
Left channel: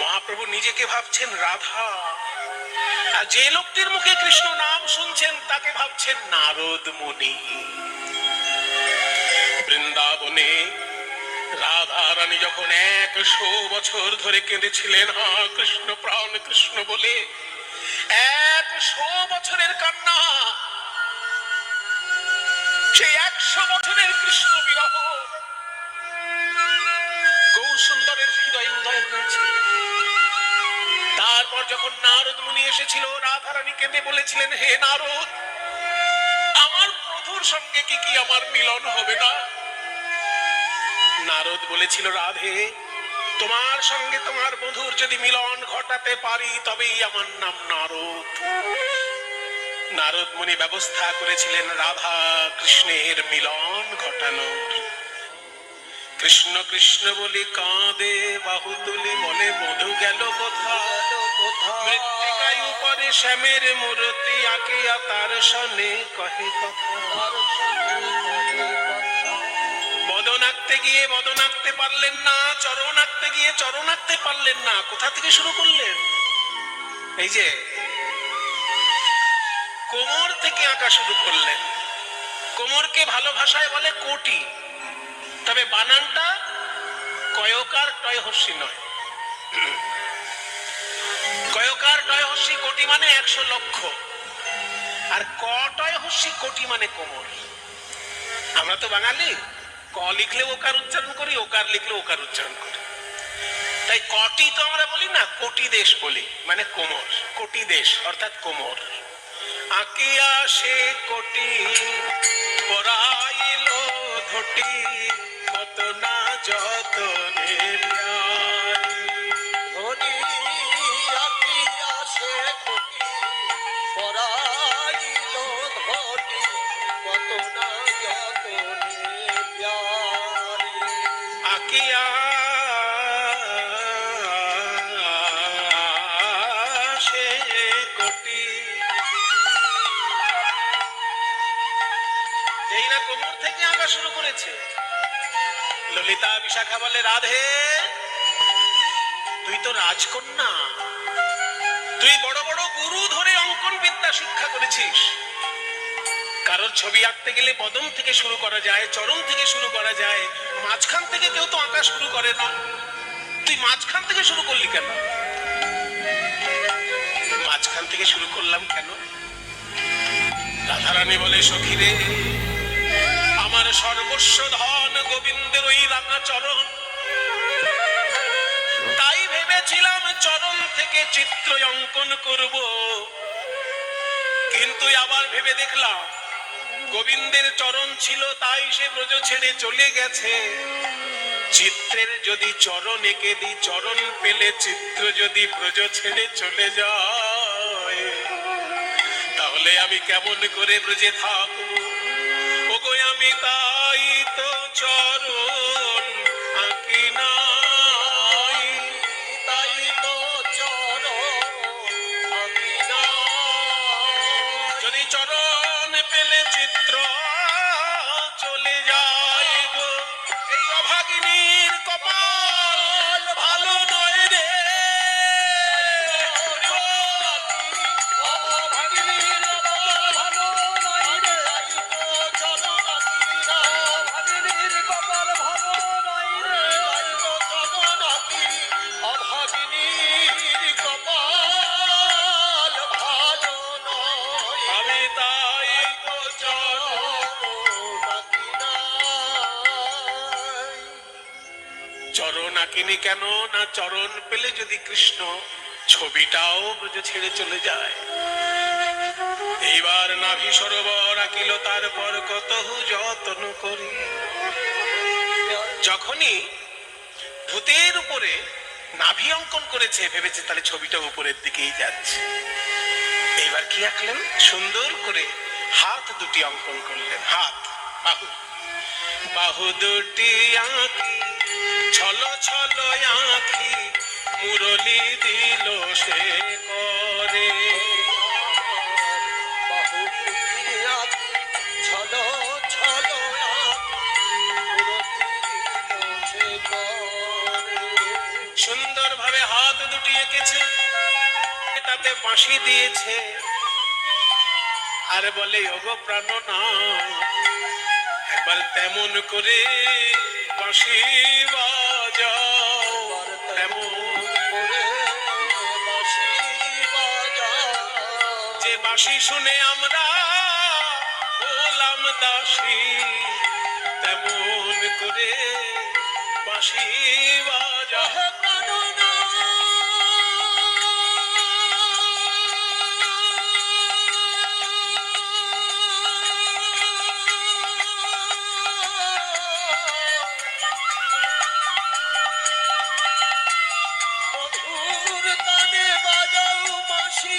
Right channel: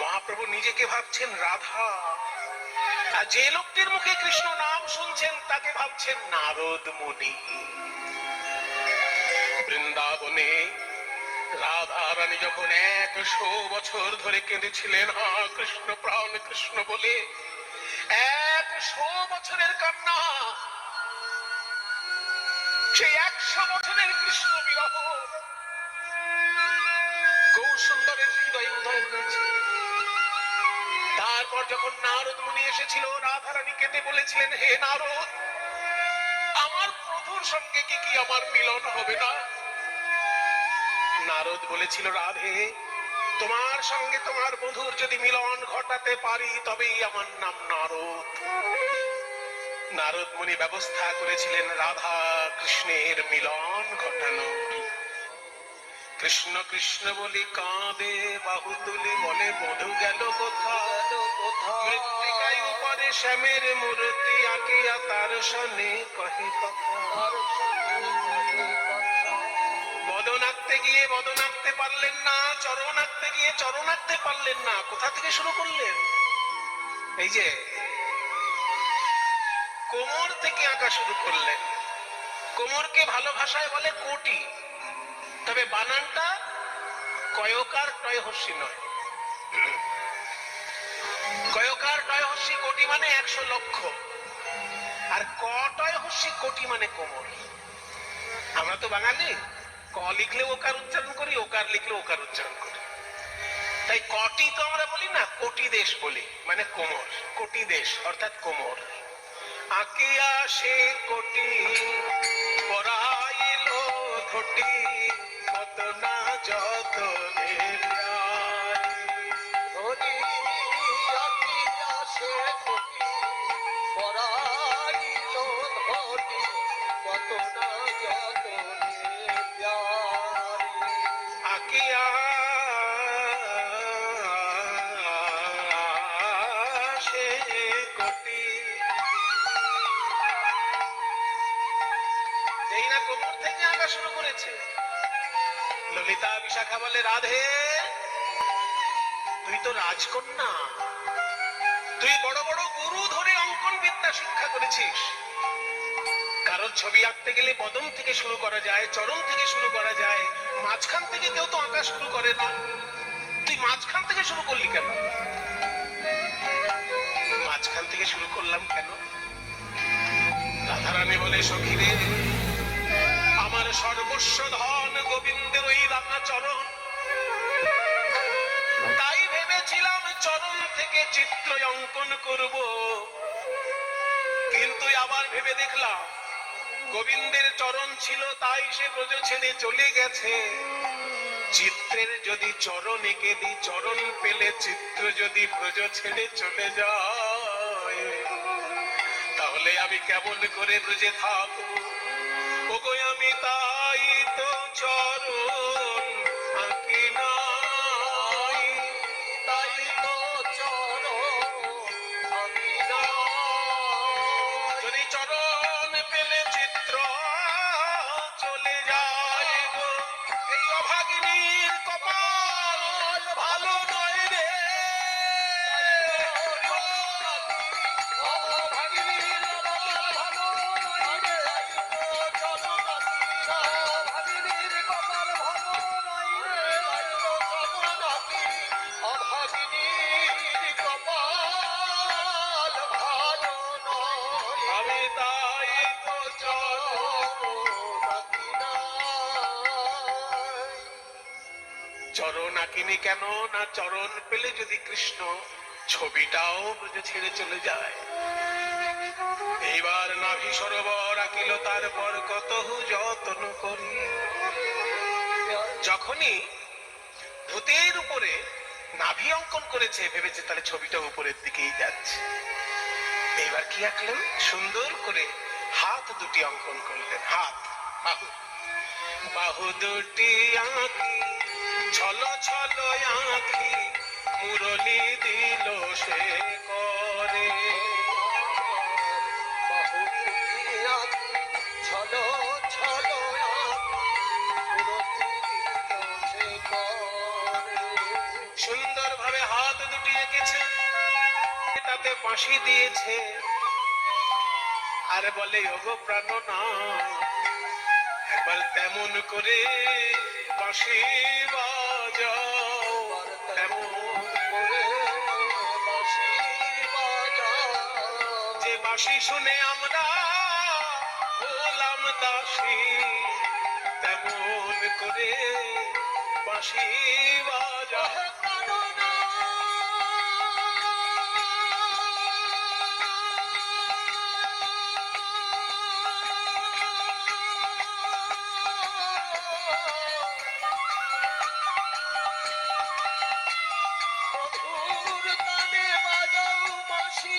মহাপ্রভু নিজেকে ভাবছেন রাধা, আর যে লোকটির মুখে কৃষ্ণ নাম শুনছেন তাকে ভাবছেন নারদ মুনি। বৃন্দাবনে রাধা রানী যখন 100 বছর ধরে কেঁদেছিলেন হা কৃষ্ণ প্রাণ কৃষ্ণ বলে, 100 বছরের কান্না, সেই 100 বছরের কৃষ্ণ বিরহ গৌরসুন্দরের হৃদয়ে উদয় হয়েছে। তারপর যখন নারদ মুনি এসেছিল, রাধা রানী কেঁদে বলেছিলেন, হে নারদ, আমার প্রভুর সঙ্গে কি আমার মিলন হবে না? নারদ বলেছিল, রাধে, তোমার সঙ্গে তোমার বন্ধুর যদি মিলন ঘটাতে পারি তবেই আমার নাম নারদ। নারদ মুনি ব্যবস্থা করেছিলেন রাধা কৃষ্ণের মিলন ঘটানোর। কৃষ্ণ কৃষ্ণ বলি কাঁদে বাহু তুলি, বলে বধু গেল কোথায়? মৃত্তিকায় উপরে শ্যামের মূর্তি আঁকিয়া তার সনে কহে কথা। বদন আঁকতে গিয়ে বদন আঁকতে পারলেন না, চরণ আঁকতে গিয়ে চরণ আঁকতে পারলেন না। কোথা থেকে শুরু করলেন? এই যে কোমর থেকে আঁকা শুরু করলেন। কোমরকে ভালো ভাষায় বলে কোটি, তবে বানানটা কয়কার টয় হর্ষি নয়। কয়কার টয় হর্ষি কোটি মানে 100 লক্ষ, আর ক টয় হর্ষি কোটি মানে কোমর। আমরা তো বাঙালি, ক লিখলে ওকার উচ্চারণ করি, ওকার লিখলে ওকার উচ্চারণ করি। তাই কটি তো আমরা বলি না, কোটি দেশ বলি, মানে কোমর। কোটি দেশ অর্থাৎ কোমর। আঁকিয়া সে কোটি পরাইল ধটি, কত না যতনে ধরি আঁকিয়া সে কোটি পরাইল ধরি, কত না যতনে প্যারি। আঁকিয়া সে কোটি। এই না কোমর থেকে আঁকা শুরু করেছে। ললিতা বিশাখা বলে, রাধে, তুই তো রাজকন্যা, তুই বড় বড় গুরু ধরে অঙ্কন বিদ্যা শিক্ষা করেছিস। কারোর ছবি আঁকতে গেলে বদন থেকে শুরু করা যায়, চরণ থেকে শুরু করা যায়, মাঝখান থেকে কেউ তো আঁকা শুরু করে না। তুই মাঝখান থেকে শুরু করলি কেন? মাঝখান থেকে শুরু করলাম কেন? রাধারানী বলে, সখী রে, আমার সর্বস্ব ধন গোবিন্দের ওই রাঙা চরণ, তাই ভেবেছিলাম চরণ থেকে চিত্র অঙ্কন করব, কিন্তু আবার ভেবে দেখলাম গোবিন্দের চরণ ছিল তাই সে ব্রজ ছেড়ে চলে গেছে। চিত্রের যদি চরণ এঁকে দিই, চরণ পেলে চিত্র যদি ব্রজ ছেড়ে চলে যায়, তাহলে আমি কেমন করে ব্রজে থাকবো? ওগো আমি তাই তো চরণ আঁকি নাই, তাই তো চরণ আঁকি নাই। যদি চরণ পেলে চিত্র চলে যাইব, এই অভাগিনীর কপাল ভালো নয় রে। অভাগিনীর কপাল ভালো নয় রে। তখনই কেন না চরণ পেলে যদি কৃষ্ণ ছবিটাও ব্রজ ছেড়ে চলে যায়। এইবার নাভি সরোবর আকিল তারপর কতহু যত্ন করি। যখনই ভূতের উপরে নাভি অঙ্কন করেছে ভেবেছে তাহলে ছবিটা উপরের দিকেই যাচ্ছে। এইবার কি আঁকলেন, সুন্দর করে হাত দুটি অঙ্কন করলেন, হাত বাহু, বাহু দুটি আঁকি ছল ছল আঁকি মুরলি দিল সে করে। বাহু আঁকি ছলো ছলো সুন্দর ভাবে হাত দুটি এঁকেছে, তাতে বাঁশি দিয়েছে আর বলে ওগো প্রাণনাথ একবার তেমন করে বাঁশি বাজাও, তেমন করে বাঁশি বাজাও। যে বাঁশি শুনে আমরা হলাম দাসী, তেমন করে বাঁশি বাজাও। মধুর তানে বাজাও বাঁশি,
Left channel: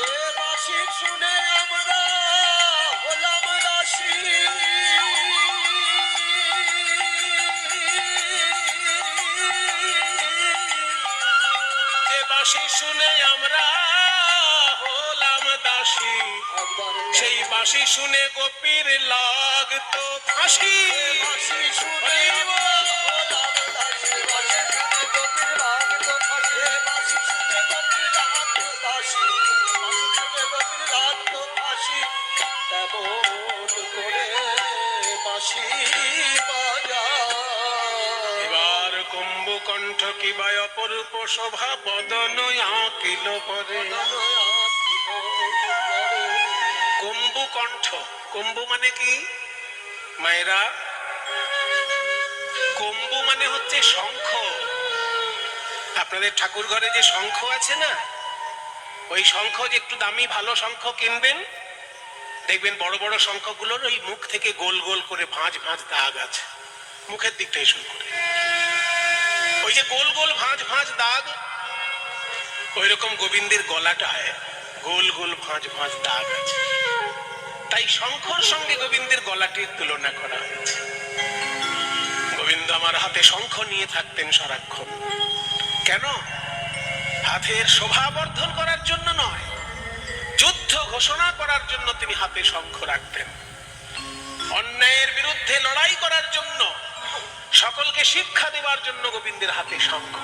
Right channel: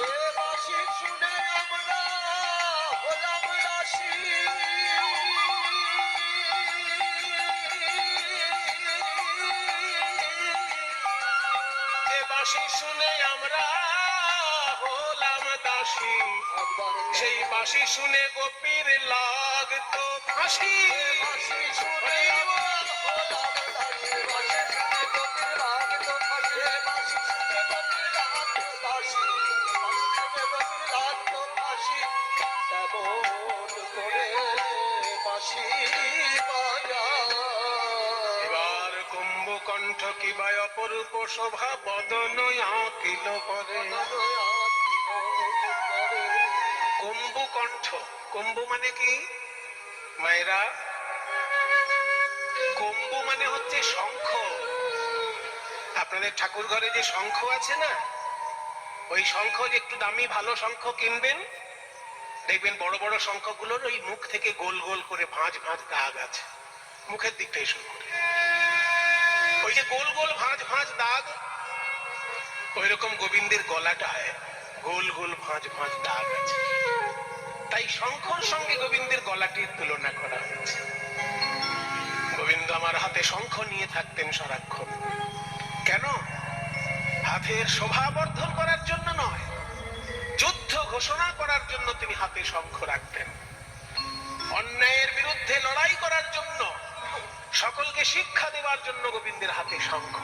এ বাঁশি শুনে আমরা হলাম দাসী। যে বাঁশি শুনে আমরা হলাম দাসী, একবার সেই বাঁশি শুনে গোপীর লাগতো ফাঁসি। বাঁশি শুনে হলাম দাসী, বাঁশি শুনে গোপীর লাগতো ফাঁসি। বাঁশি শুনে গোপীর লাগতো দাসী, বাঁশি শুনে গোপীর লাগতো ফাঁসি। তেমন করে বাঁশি বাজাও। এবার কুম্ভকণ্ঠ কিবা অপরূপ শোভা বদন আঁকিল পরে। কুম্ভকণ্ঠ, কুম্ভ মানে কি মায়েরা? কুম্ভ মানে হচ্ছে শঙ্খ। আপনাদের ঠাকুর ঘরে যে শঙ্খ আছে না, ওই শঙ্খ যে একটু দামি ভালো শঙ্খ কিনবেন, দেখবেন বড় বড় শঙ্খগুলোর ওই মুখ থেকে গোল গোল করে ভাঁজ ভাঁজ দাগ আছে, মুখের দিকটাই শুরু করে ওই যে গোল গোল ভাঁজ ভাঁজ দাগ, ওই রকম গোবিন্দের গলাটায় গোল গোল ভাঁজ ভাঁজ দাগ আছে। তাই শঙ্খর সঙ্গে গোবিন্দের গলাটির তুলনা করা হয়েছে। গোবিন্দ আমার হাতে শঙ্খ নিয়ে থাকতেন সারাক্ষণ। কেন? হাতের শোভা বর্ধন করার জন্য নয়, যুদ্ধ ঘোষণা করার জন্য তিনি হাতে শঙ্খ রাখতেন। অন্যায়ের বিরুদ্ধে লড়াই করার জন্য, সকলকে শিক্ষা দেবার জন্য গোবিন্দের হাতে শঙ্খ।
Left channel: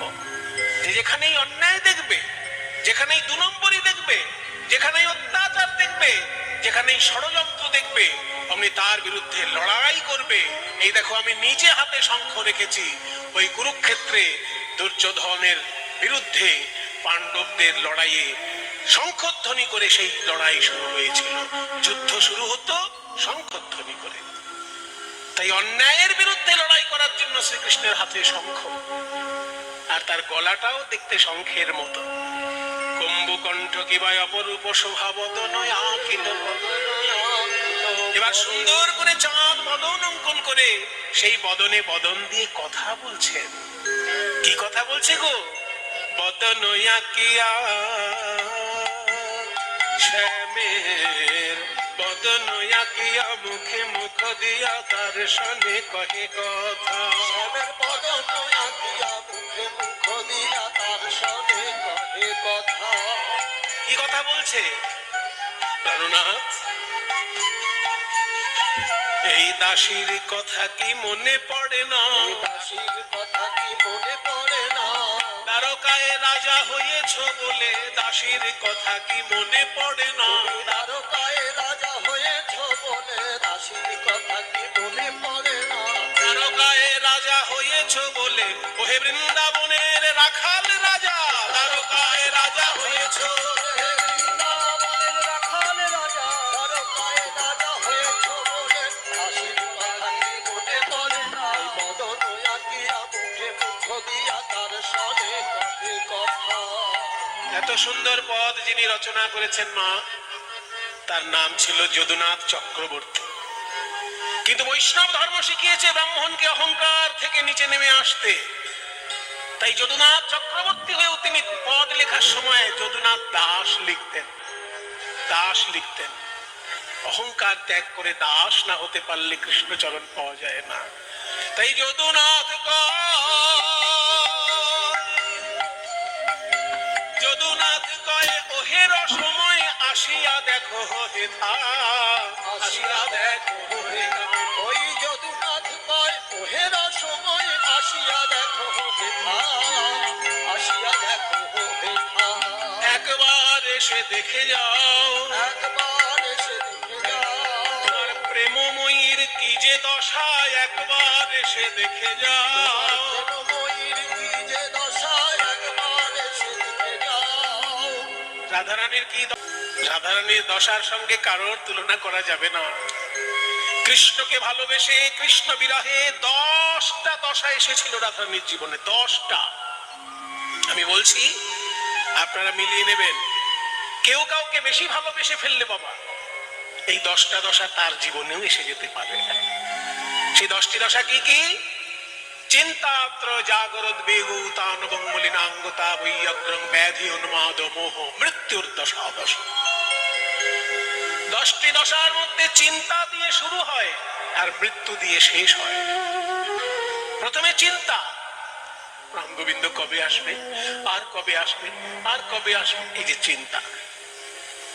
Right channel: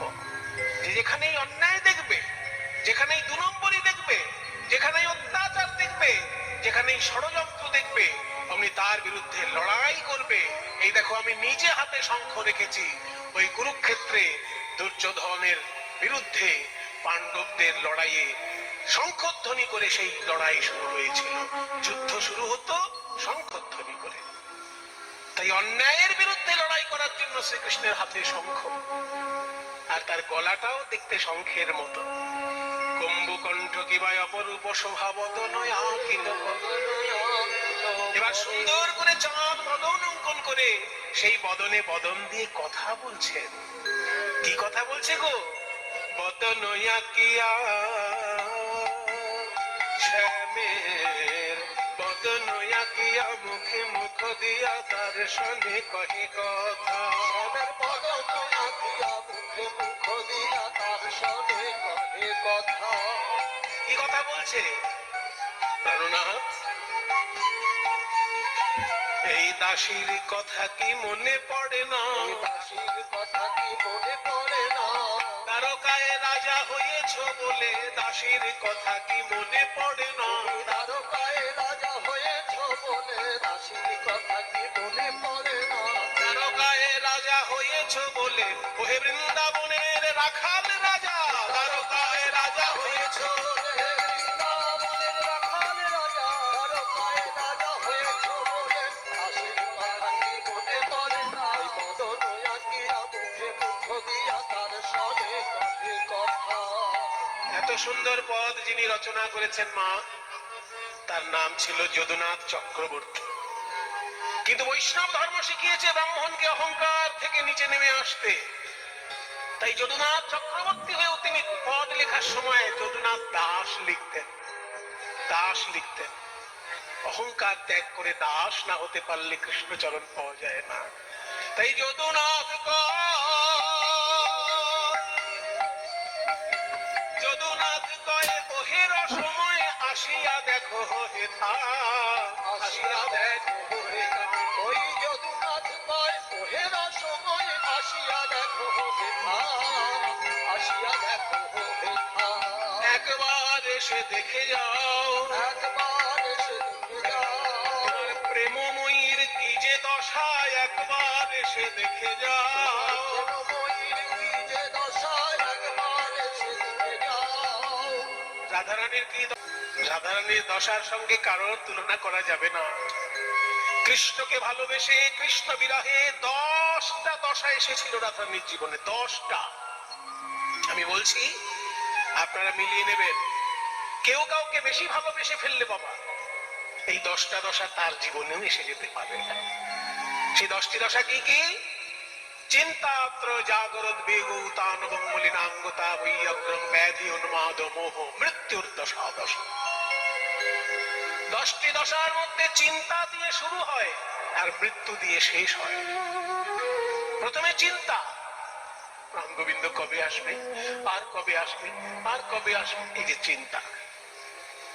যেখানেই অন্যায় দেখবে, যেখানেই 2 নম্বরই দেখবে, যেখানেই অত্যাচার দেখবে, যেখানেই ষড়যন্ত্র দেখবে, অমনি তার বিরুদ্ধে লড়াই করবে। এই দেখো আমি নিজে হাতে শঙ্খ রেখেছি। ওই কুরুক্ষেত্রে দুর্যোধনের বিরুদ্ধে পাণ্ডবদের লড়াইয়ে শঙ্খধ্বনি করে সেই লড়াই শুরু হয়েছিল। যুদ্ধ শুরু হতো শঙ্খধ্বনি করে। তাই অন্যায়ের বিরুদ্ধে লড়াই করার জন্য শ্রীকৃষ্ণের হাতে শঙ্খ, আর তার গলাটাও দেখতে শঙ্খের মতো। কুম্ভকণ্ঠ কিবা অপরূপ শোভা বদন আঁকিল পরে। এবার সুন্দর করে চাঁদ বদন অঙ্কন করে সেই বদনে বদন দিয়ে কথা বলছেন। কি কথা বলছে গো? বদন আঁকিয়া শ্যামের বদন আঁকিয়া মুখে মুখ দিয়া তার সনে কহে কথা। শ্যামের বদন আঁকিয়া মুখে মুখ দিয়া তার সনে কহে কথা। কি কথা বলছে প্রাণনাথ? এই দাসীর কথা কি মনে পড়ে না? দাসীর কথা কি মনে পড়ে না? দ্বারকায় রাজা হয়েছ বলে দাসীর কথা কি মনে পড়ে না? দ্বারকায় রাজা হয়েছ বলে দাসীর কথা কি মনে পড়ে না? দ্বারকায় রাজা হয়েছ বলে ওহে বৃন্দাবনের রাখাল রাজা, দ্বারকায় রাজা সুন্দর পদ যিনি রচনা করেছেন মা, তার নাম ছিল যদুনাথ চক্রবর্তী। কিন্তু বৈষ্ণব ধর্ম শিখিয়েছে ব্রাহ্মণকে অহংকার থেকে নিচে নেমে আসতে। তাই যদুনাথ চক্রবর্তী হয়েও তিনি পদ লেখার সময় যদুনাথ দাস লিখতেন। দাস লিখতেন। অহংকার ত্যাগ করে দাস না হতে পারলে কৃষ্ণচরণ পাওয়া যায় না। তাই যদুনাথ যদুনাথ কয়ে ওহের সময় আসিয়া দেখো হেথা, আসিয়া দেখো হেথা। ওই যদুনাথ কয় ওহেরা সময় আসিয়া দেখো হেথা, আসিয়া দেখো হেথা। একবার এসে দেখে যাও, একবার এসে দেখে যাও, তোমার প্রেমময়ীর কি যে দশা, একবার এসে দেখে যাও। প্রেমময়ীর কি যে দশা, একবার এসে দেখে যাও। রাধারানীর কি রাধারানীর দশার সঙ্গে কারোর তুলনা করা যাবে না। কৃষ্ণকে ভালোবেসে কৃষ্ণ বিরহে 10টা দশা এসেছিল রাধারানীর জীবনে, 10টা। আমি বলছি আপনারা মিলিয়ে নেবেন। কেউ কাউকে বেশি ভালোবেসে ফেললে বাবা এই 10টা দশা তার জীবনেও এসে যেতে পারে। সেই 10টি দশা কি কি? চিন্তাত্র জাগরোদ্বেগ তানবং মলিনাঙ্গতা বৈয়গ্রং ব্যাধি উন্মাদ মোহ মৃত্যুর দশা। 10টি দশার মধ্যে চিন্তা দিয়ে শুরু হয় আর মৃত্যু দিয়ে শেষ হয়। প্রথমে চিন্তা, রাম গোবিন্দ কবে আসবে, আর কবে আসবে, আর কবে আসবে, এই যে চিন্তা।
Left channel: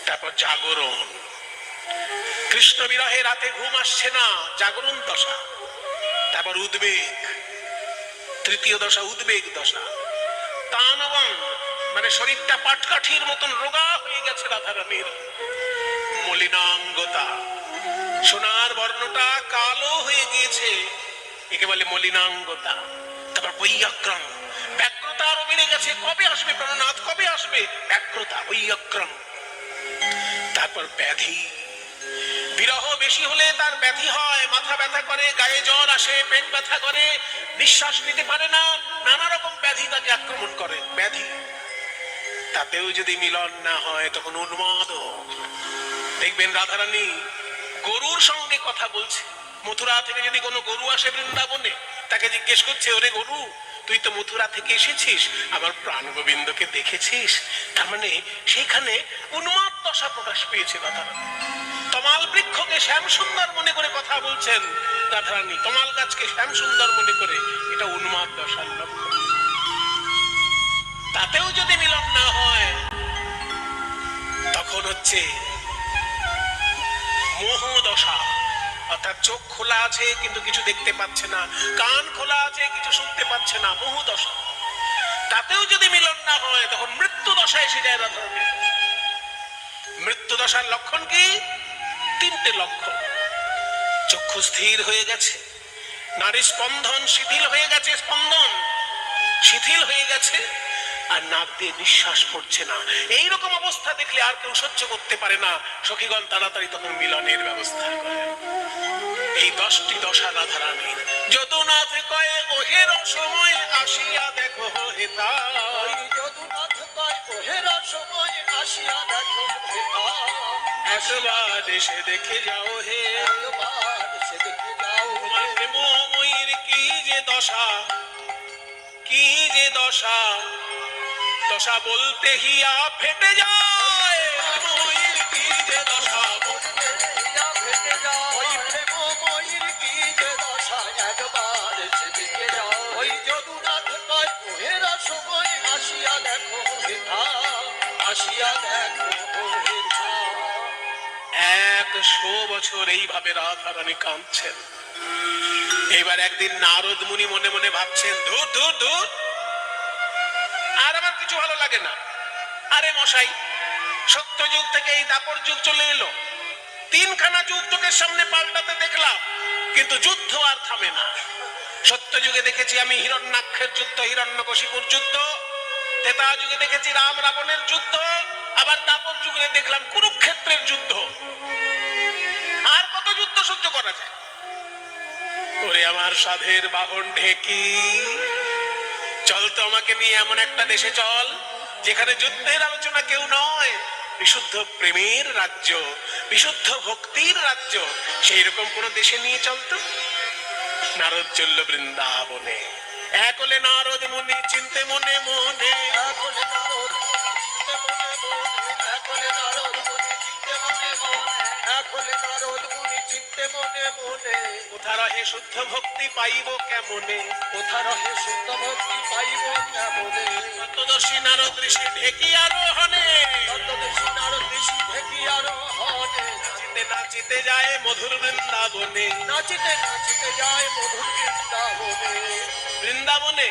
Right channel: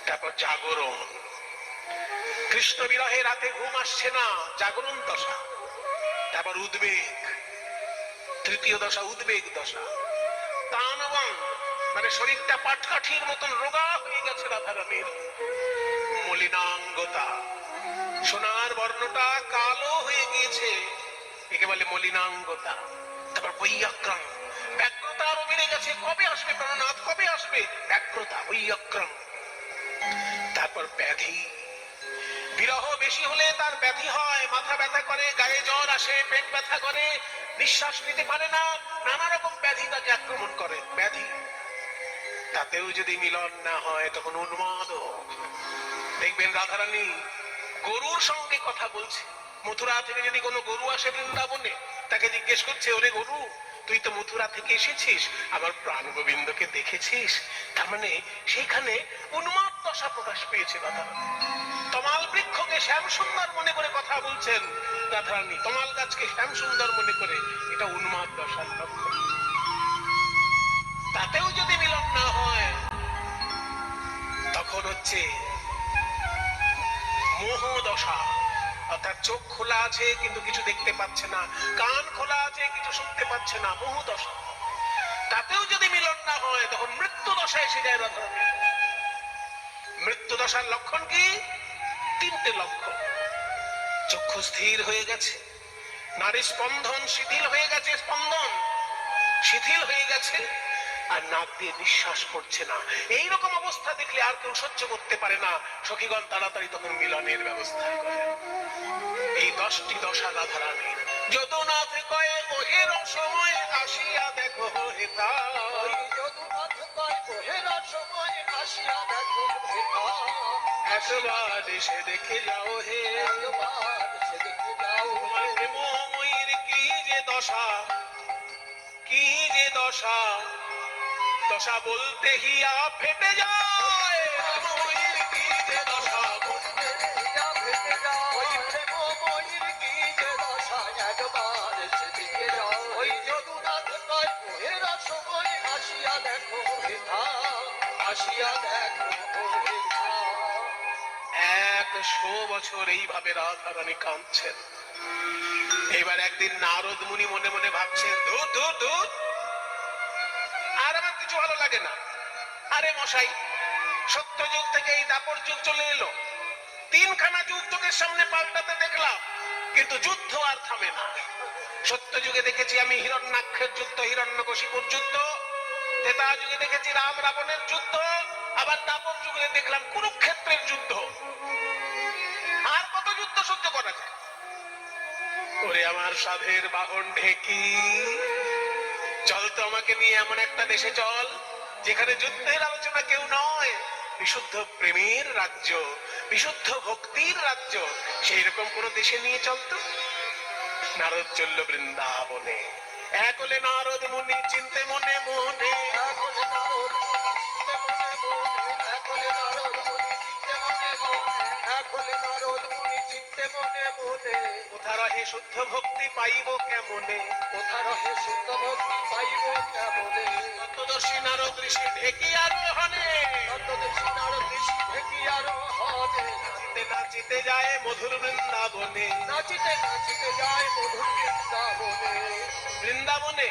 তারপর জাগরণ, কৃষ্ণ বিরহে রাতে ঘুম আসছে না, জাগরণ দশা। তারপর উদ্বেগ, তৃতীয় দশা উদ্বেগ দশা। তানবং মানে শরীরটা পাটকাঠির মতন রোগা হয়ে গেছে রাধারানীর, মলিনাঙ্গতা, সোনার বর্ণটা কালো হয়ে গিয়েছে, একে বলে মলিনাঙ্গতা। তারপর বৈয়গ্রং, ব্যগ্রতা আরো বেড়ে গেছে, কবে আসবে প্রাণনাথ, কবে আসবে, ব্যগ্রতা বৈয়গ্রং। তারপর ব্যাধি, বিরহ বেশি হলে তার ব্যাধি হয়, মাথা ব্যথা করে, গায়ে জ্বর আসে, পেট ব্যথা করে, নিঃশ্বাস নিতে পারে না, নানা রকম ব্যাধি তাকে আক্রমণ করে, ব্যাধি। তাতেও যদি মিলন না হয় তখন উন্মাদ। দেখবেন রাধারানী গরুর সঙ্গে কথা বলছে। মথুরা থেকে যদি কোনো গরু আসে বৃন্দাবনে, তাকে জিজ্ঞেস করছে, ওরে গরু তুই তো মথুরা থেকে এসেছিস, আমার প্রাণ গোবিন্দকে দেখেছিস? তার মানে সেখানে উন্মাদ দশা প্রকাশ পেয়েছে রাধারানী। তমাল বৃক্ষকে শ্যাম সুন্দর মনে করে কথা বলছেন রাধারানী, তমাল গাছকে শ্যাম সুন্দর মনে করে, এটা উন্মাদ দশার লক্ষণ। তাতেও যদি মিলন না হয় তখন হচ্ছে মোহ দশা, অর্থাৎ চোখ খোলা আছে কিন্তু কিছু দেখতে পাচ্ছে না, কান খোলা আছে কিছু শুনতে পাচ্ছে না, মোহ দশা। তাতেও যদি মিলন না হয় তখন মৃত্যু দশা এসে যায় রাধারানী। মৃত্যু দশার লক্ষণ কি? 3টে লক্ষণ। চক্ষু স্থির হয়ে গেছে, নারী স্পন্দন শিথিল হয়ে গেছে, স্পন্দন শিথিল হয়ে গেছে, আর নাক দিয়ে নিঃশ্বাস পড়ছে না। এইরকম অবস্থা দেখলে আর কেউ সহ্য করতে পারে না, সখীগণ তাড়াতাড়ি তখন মিলনের ব্যবস্থা করে। এই 10টি দশা রাধারানীর। যদুনাথ কয়ে ওহের সময় আসিয়া দেখো হেতা, ওই যদুনাথ কয় ওহেরা সময় আসিয়া দেখো হেথা, একবার এসে দেখে যাও হে, একবার এসে দেখে যাও। তোমার প্রেমময়ীর কি যে দশা, কি যে দশা, দশা বলতে হিয়া ফেটে যায়, প্রেমময়ীর কি যে দশা। বলতে হিয়া ফেটে যায়, ওই প্রেমময়ীর কি যে দশা, একবার এসে দেখে যাও। ওই যদুনাথ কয় ওহেরা সময় আসিয়া দেখো হেথা, আসিয়া দেখো হেথা। 100 বছর এইভাবে রাধারানী কাঁদছেন। এবার একদিন নারদ মুনি মনে মনে ভাবছেন, ধুর ধুর ধুর, আর আমার কিছু ভালো লাগে না। আরে মশাই, সত্যযুগ থেকে এই দাপর যুগ চলে এলো, 3খানা যুগ চোখের সামনে পাল্টাতে দেখলাম, কিন্তু যুদ্ধ আর থামে না। সত্যযুগে দেখেছি আমি হিরণ্যাক্ষের যুদ্ধ, হিরণ্যকশিপুর যুদ্ধ, ত্রেতা যুগে দেখেছি রাম রাবণের যুদ্ধ, আবার দাপর যুগে দেখলাম কুরুক্ষেত্রের যুদ্ধ। আর কত যুদ্ধ সহ্য করা যায়? ওরে আমার সাধের বাহন ঢেকি, চল তো আমাকে নিয়ে এমন একটা দেশে চল যেখানে যুদ্ধের আলোচনা শোনা কেউ নয়, বিশুদ্ধ প্রেমের রাজ্য, বিশুদ্ধ ভক্তির রাজ্য। সেই রকম কোন দেশে নিয়ে চলতো। নারদ চলল বৃন্দাবনে, এক হলে নারদ মুনি চিনতে মনে মনে। এক হলে নারদ মুনি চিনতে মনে মনে, এক হলে নারদ মুনি চিনতে মনে মনে, এক হলে নারদ মুনি চিনতে মনে মনে। কোথা রহে শুদ্ধ ভক্তি পাইব কেমনে, কোথা রহে শুদ্ধ ভক্তি পাইব কেমনে। তত্ত্বদর্শী নারদ ঋষি ঢেকি আরোহণে, তত্ত্বদর্শী নারদ ঋষি ঢেকি আরোহণে। নাচিতে নাচিতে যায় মধুর বৃন্দাবনে। নাচিতে নাচিতে যায় মধুর বৃন্দাবনে। বৃন্দাবনে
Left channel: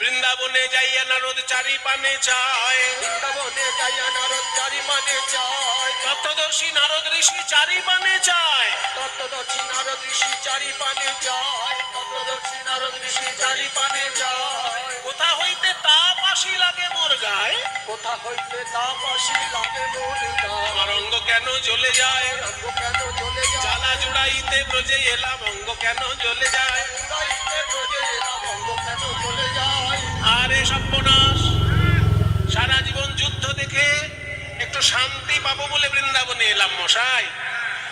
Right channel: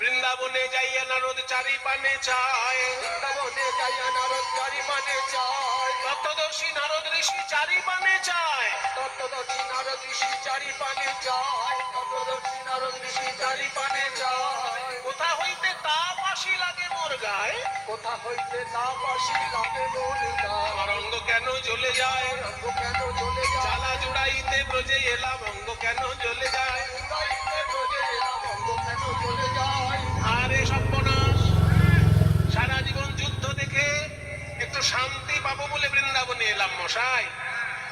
বৃন্দাবনে যাইয়া নারদ চারি পানে চায়, বৃন্দাবনে যাইয়া নারদ চারি পানে চায়। তত্ত্বদর্শী নারদ ঋষি চারি পানে চায়। তত্ত্বদর্শী নারদ ঋষি চারি পানে যায়। তত্ত্বদর্শী নারদ ঋষি চারি পানে যায়। কোথা হইতে তাপ আসি লাগে মোর গায়ে, কোথা হইতে তাপ আসি লাগে মোর গায়ে। আমার অঙ্গ কেন জ্বলে যায়, অঙ্গ কেন জ্বলে যায়। জ্বালা জুড়াইতে ব্রজে এলাম অঙ্গ কেন জ্বলে যায়। উড়াইতে ব্রজে এলাম অঙ্গ কেন জ্বলে যায়। আরে সর্বনাশ, সারা জীবন যুদ্ধ দেখে একটু শান্তি পাবো বলে বৃন্দাবনে এলাম মশাই,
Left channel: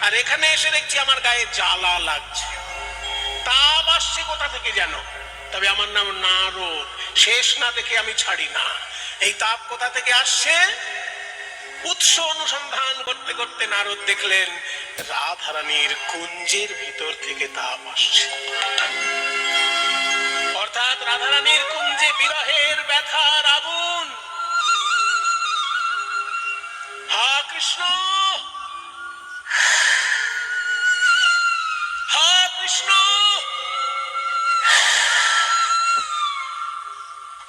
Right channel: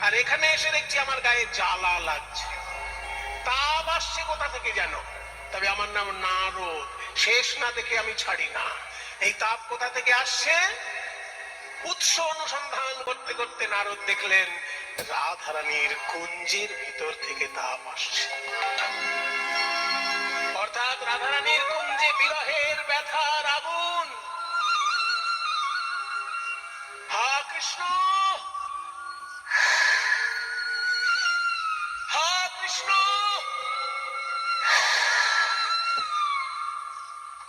আর এখানে এসে দেখছি আমার গায়ে জ্বালা লাগছে। তাপ আসছে কোথা থেকে জানো? তবে আমার নাম নারদ, শেষ না দেখে আমি ছাড়ি না। এই তাপ কোথা থেকে আসছে? উৎস অনুসন্ধান করতে করতে নারদ দেখলেন রাধারানীর কুঞ্জের ভিতর থেকে তাপ আসছে। অর্থাৎ রাধারানীর কুঞ্জে বিরহের ব্যথার আগুন। হা কৃষ্ণ, হা কৃষ্ণ,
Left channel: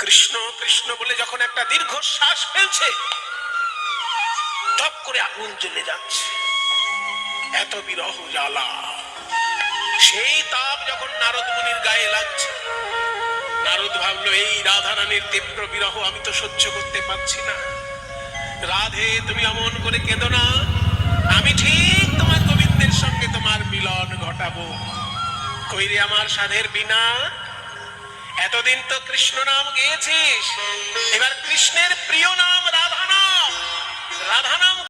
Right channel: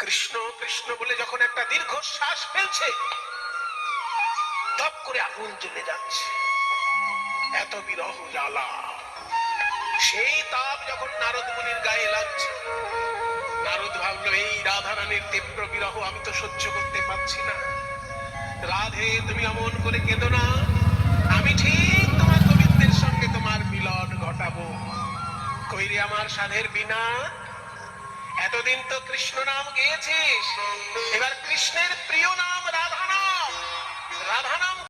কৃষ্ণ কৃষ্ণ বলে যখন একটা দীর্ঘ শ্বাস ফেলছে, টপ করে আগুন জ্বলে যাচ্ছে। এত বিরহ জ্বালা। সেই তাপ যখন নারদ মুনির গায়ে লাগছে, নারদ ভাবলো এই রাধারানীর তীব্র বিরহ আমি তো সহ্য করতে পারছি না। রাধে তুমি অমন করে কেঁদো না, আমি ঠিক তোমার গোবিন্দের সঙ্গে তোমার মিলন ঘটাবো। কইরে আমার সাধের বিনা, এতদিন তো কৃষ্ণ নাম গেয়েছিস, এবার কৃষ্ণের প্রিয় নাম